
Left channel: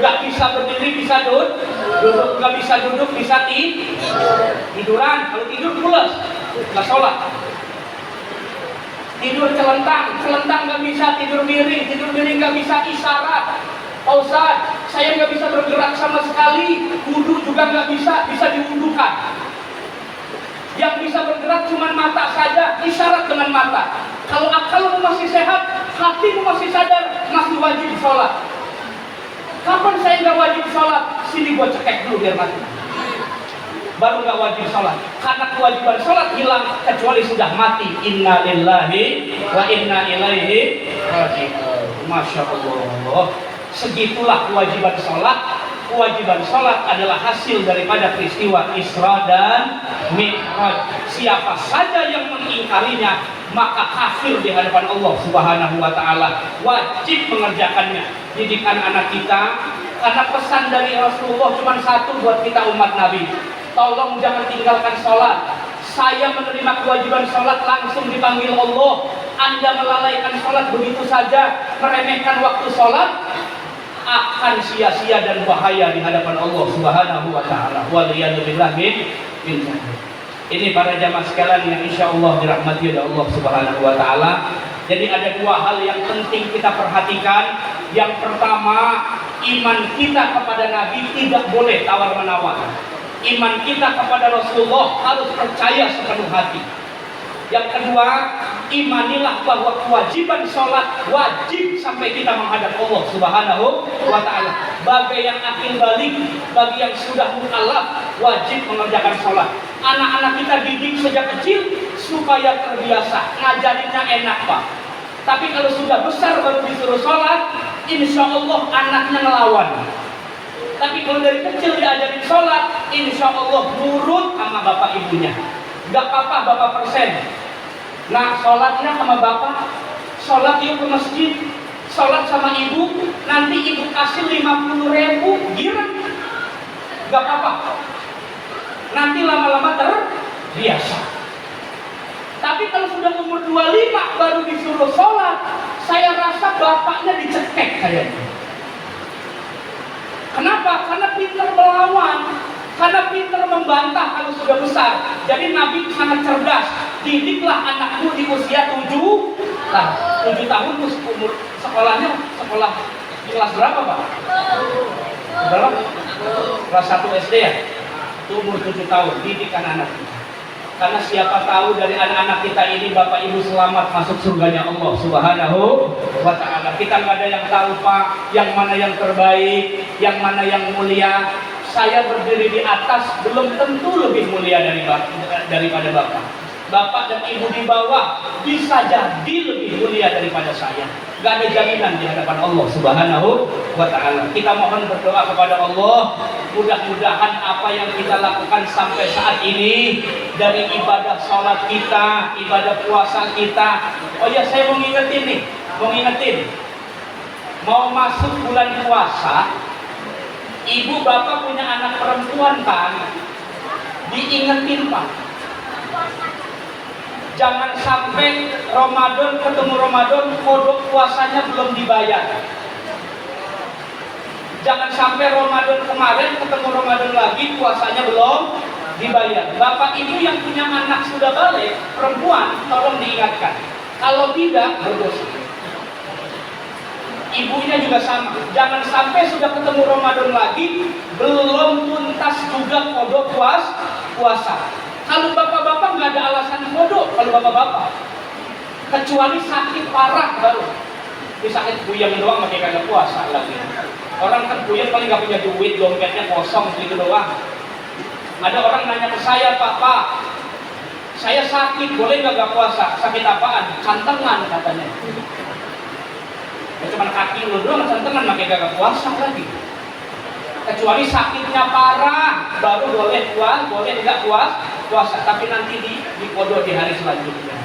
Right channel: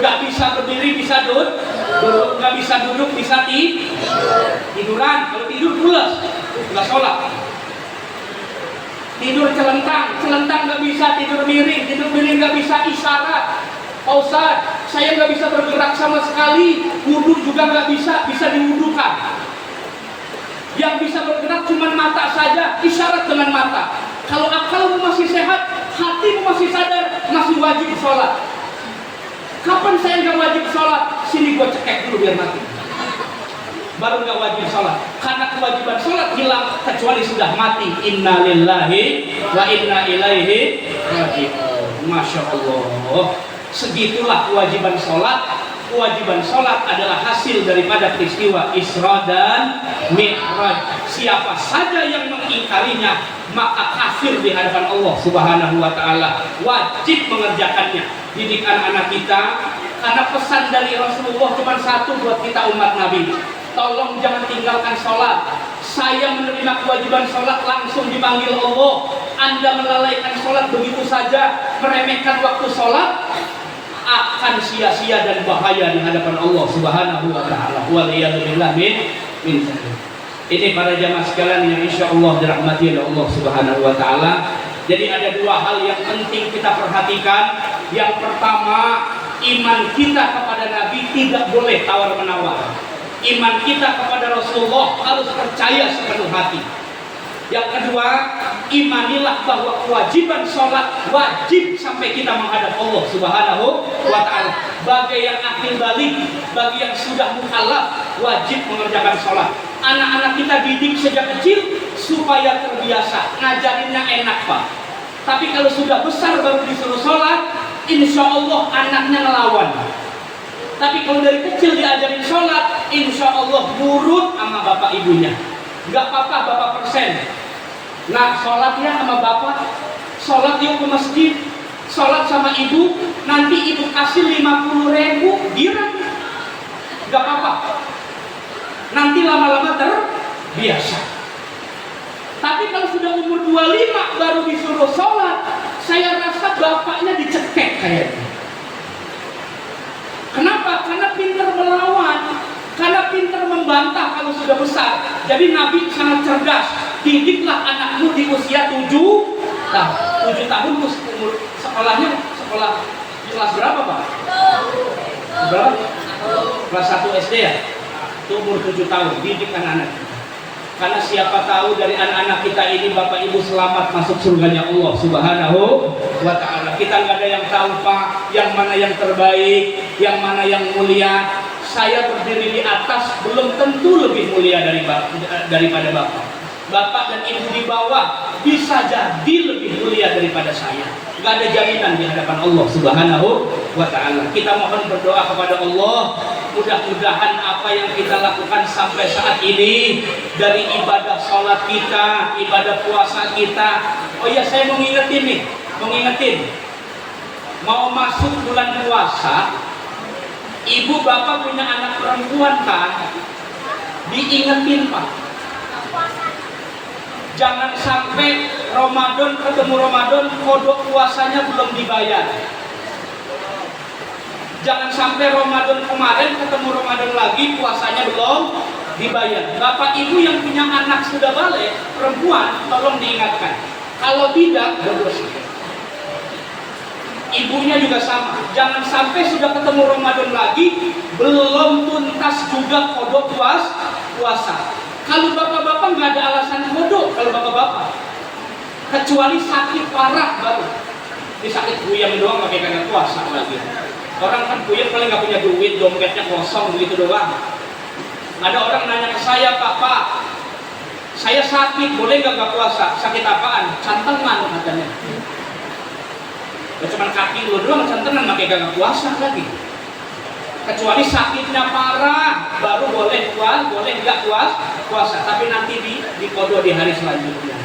Gak bisa berdiri, bisa duduk. Gak bisa duduk, bisa tiduran. Kalau tidur pulas, gak sholat. Tidur celentang gak bisa. Tidur miring gak bisa. Isyarat, Pak Ustaz, saya gak bisa bergerak sama sekali. Wudhu juga gak bisa, bisa diwudukan. Yang bisa bergerak cuma mata saja, isyarat dengan mata. Kalau akalmu masih sehat, hatimu masih sadar, masih wajib sholat. Kapan saya nggak wajib sholat? Sini gua cekek dulu biar mati. Baru nggak wajib sholat. Karena kewajiban sholat hilang kecuali sudah mati. Inna lillahi wa inna ilaihi raji'un. Masya Allah. Segitulah kewajiban sholat. Kewajiban sholat adalah hasil daripada peristiwa Isra dan Mi'raj. Siapa saja yang mengingkarinya maka kafir di hadapan Allah Subhanahu wa Ta'ala. Wajib mengerjakannya. Didik anak-anak kita, karena pesan dari Rasulullah cuma satu buat kita umat Nabi. Tolong jangan tinggalkan sholat. Saya menerima kewajiban sholat langsung dipanggil Allah. Anda melalaikan sholat begitu saja, meremehkan waktu sholat, akan sia-sia dan bahaya di hadapan Allah Subhanahu wa Ta'ala. Waliyadzubillah min. Ini para jamaah sekalian yang insya Allah dirahmati oleh Allah Subhanahu wa Ta'ala. Jadi ada dua hal yang penting kita perhatikan. Yang pertama, iman kita kepada Nabi tidak boleh tawar-menawar. Iman kita kepada Rasulullah harus percaya sepenuh hati. Yang kedua, imanilah bahwa kewajiban sholat wajib sampai kita menghadap Allah Subhanahu wa Ta'ala. Bagi yang akil balik, bagi yang sudah mukallaf, wajib mengerjakan sholat. Anak-anak kita didik sejak kecil supaya terbiasa. Ngajarinnya enak, Pak. Tapi kalau sudah besar baru disuruh sholat, insya Allah anaknya ngelawan. Tapi kalau dari kecil diajarin sholat, insya Allah nurut sama bapak ibunya. Gak apa-apa bapak persen. Nah, sholat ya sama bapak, sholat yuk ke masjid, sholat sama ibu, nanti ibu kasih 50.000, girang. Gak apa-apa. Nanti lama-lama terbiasa. Tapi kalau sudah umur 25 baru disuruh sholat, saya rasa bapaknya dicekek kayaknya. Kenapa? Karena pintar melawan, karena pintar membantah kalau sudah besar. Jadi Nabi sangat cerdas. Didiklah anakmu di usia 7 tahun tuh umur sekolahnya, sekolah di kelas berapa, Pak? Berapa? Kelas 1 SD ya? Itu umur 7 tahun, didik anak-anak. Karena siapa tahu dari anak-anak kita ini Bapak Ibu selamat masuk surganya Allah Subhanahu wa Ta'ala. Kita nggak ada yang tahu, Pak, yang mana yang terbaik, yang mana yang mulia. Saya berdiri di atas belum tentu lebih mulia daripada Bapak. Bapak dan Ibu di bawah bisa jadi lebih mulia daripada saya. Gak ada jaminan di hadapan Allah Subhanahu wa Ta'ala. Kita mohon berdoa kepada Allah, mudah-mudahan apa yang kita lakukan sampai saat ini, dari ibadah sholat kita, ibadah puasa kita. Oh ya, saya mau ngingetin, mau masuk bulan puasa, ibu bapak punya anak perempuan kan, diingetin, Pak. Jangan sampai Ramadan ketemu Ramadan, kodok puasanya belum dibayar. Jangan sampai Ramadan kemarin ketemu Ramadan lagi, puasanya belum dibayar. Bapak ibu yang punya anak sudah balik, perempuan, tolong diingatkan. Kalau tidak, berdosa. Ibunya juga sama. Jangan sampai sudah ketemu Ramadan lagi, belum tuntas juga kodok puasa. Kalau bapak-bapak nggak ada alasan kodok, kalau bapak-bapak, kecuali sakit parah baru. Di sakit buyang doang pakai kagak puasa lagi. Orang kan buyang paling nggak punya duit, dompetnya kosong begitu doang. Ada orang nanya ke saya, Pak, saya sakit, boleh nggak puasa? Sakit apaan? Cantengan katanya. Ya, cuman kaki lu doang cantengan, pakai gak puasa lagi. Kecuali sakitnya parah, baru boleh nggak puasa. Tapi nanti di kodo di hari selanjutnya.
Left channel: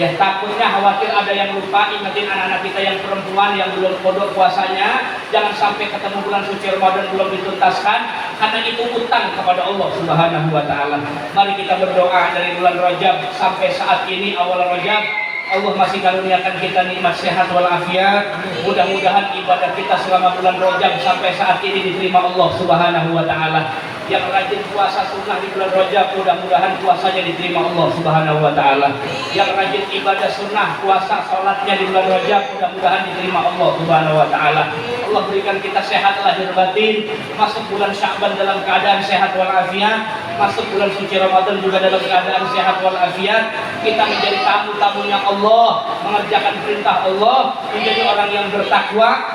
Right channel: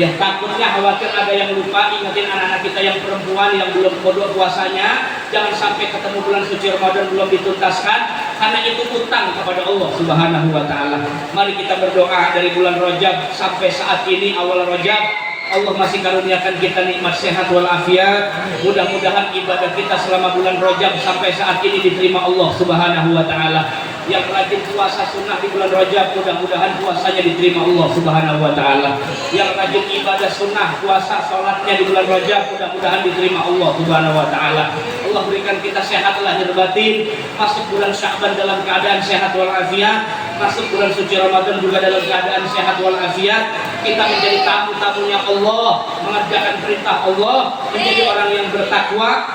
Ya takutnya khawatir ada yang lupa, ingetin anak-anak kita yang perempuan yang belum kodo puasanya. Jangan sampai ketemu bulan suci Ramadan belum dituntaskan, karena itu utang kepada Allah Subhanahu wa Ta'ala. Mari kita berdoa dari bulan Rajab sampai saat ini awal Rajab, Allah masih karuniakan kita nikmat sehat walafiat. Mudah-mudahan ibadah kita selama bulan Rajab sampai saat ini diterima Allah Subhanahu wa Ta'ala. Yang rajin puasa sunnah di bulan Rajab, mudah-mudahan puasanya diterima Allah Subhanahu wa Ta'ala. Yang rajin ibadah sunnah, puasa, sholatnya di bulan Rajab, mudah-mudahan diterima Allah Subhanahu wa Ta'ala. Allah berikan kita sehat lahir batin, masuk bulan Sya'ban dalam keadaan sehat walafiat, masuk bulan suci Ramadan juga dalam keadaan sehat walafiat. Kita menjadi tamu-tamunya Allah, mengerjakan perintah Allah, menjadi orang yang bertakwa.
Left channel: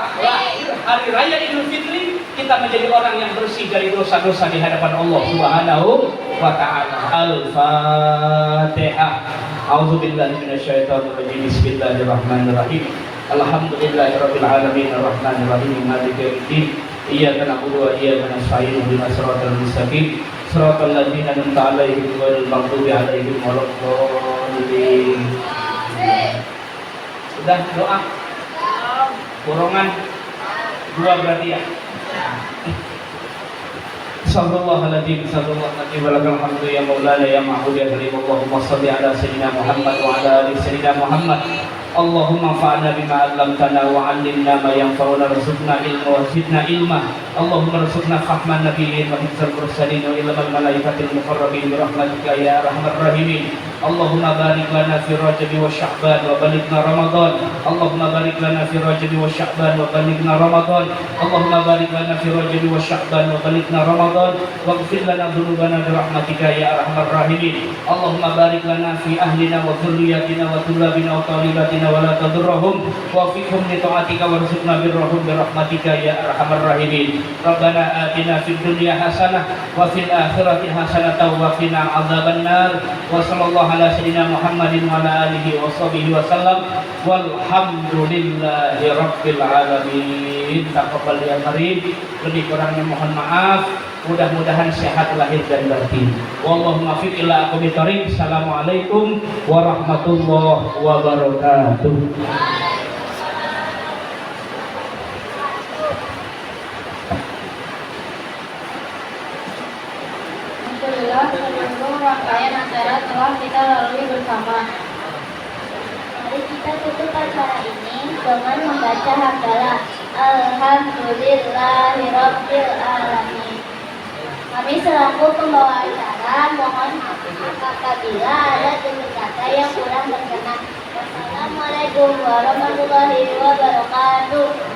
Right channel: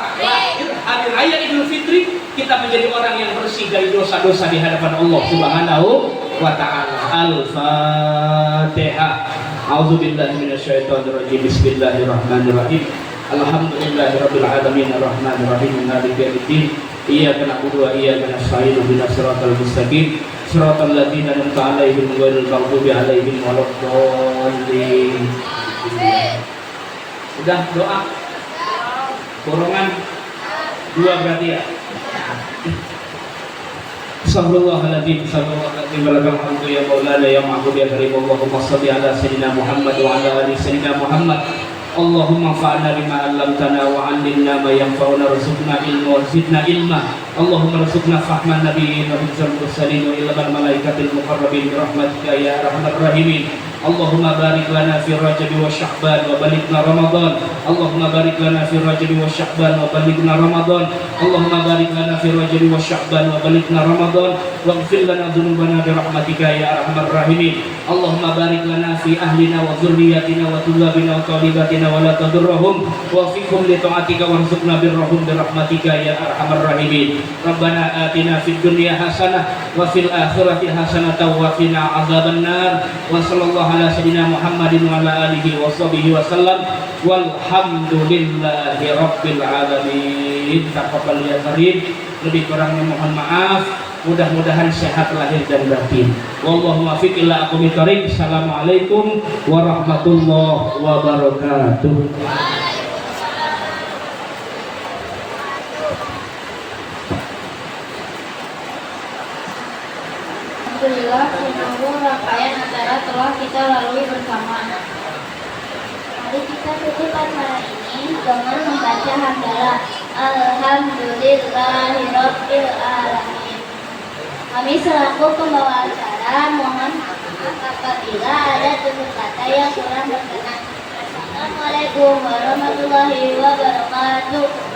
Hari raya Idul Fitri kita menjadi orang yang bersih dari dosa-dosa di hadapan Allah Subhanahu wa Ta'ala. Al-Fatihah. A'udzubillahi minasyaitonirrajim. Bismillahirrahmanirrahim. Alhamdulillahirabbil alamin arrahmanir rahim maliki yaumiddin. Iyyaka na'budu wa iyyaka nasta'in. Ihdinas siratal mustaqim. Siratal ladzina an'amta 'alaihim ghairil maghdubi 'alaihim waladdallin. Sudah doa. Borongan dua berarti ya. Sallallahu alaihi wasallam ya maulana ya ma'bud ya karim. Allahumma shalli ala sayyidina Muhammad wa ala ali sayyidina Muhammad. Allahumma fa'alna bima 'allamtana wa 'allimna ma yanfa'una warzuqna ilma wa zidna ilma. Allahumma rzuqna fahman nabiyyin wa hifdzal mursalin wa ilmal malaikatil muqarrabin bi rahmatika ya arhamar rahimin. Allahumma barik lana fi Rajab wa Sya'ban wa balighna Ramadan. Allahumma barik lana fi Rajab wa Sya'ban wa balighna Ramadan. Allahumma barik lana fi Rajab wa Sya'ban wa balighna Ramadan. Waghfir lana dzunubana bi rahmatika ya arhamar rahimin. Allahumma barik lana fi ahlina wa dzurriyyatina wa tullabina wa talibatina wa la tadurruhum wa fiqhum li ta'atika warzuqna birrahum bi rahmatika ya arhamar rahimin. Rabbana atina fid dunya hasanah wa fil akhirati hasanah wa qina adzabannar. Wa sallallahu ala sayyidina Muhammadin wa ala alihi wa sahbihi wa sallam. Walhamdulillahi rabbil alamin. Taqabbal ya karim. Lebih kurangnya mohon maaf. Mudah-mudahan sehat lahir dan batin. Wallahu muwaffiq ila aqwamit thoriq. Assalamualaikum warahmatullahi wabarakatuh. Alhamdulillah, menyambung rangkaian acara telah kita lalui bersama. Mari kita tutup acara ini dengan membaca hamdalah. Alhamdulillahirabbil alamin. Kami selaku pembawa acara mohon maaf apabila ada tutur kata yang kurang berkenan. Assalamualaikum warahmatullahi wabarakatuh.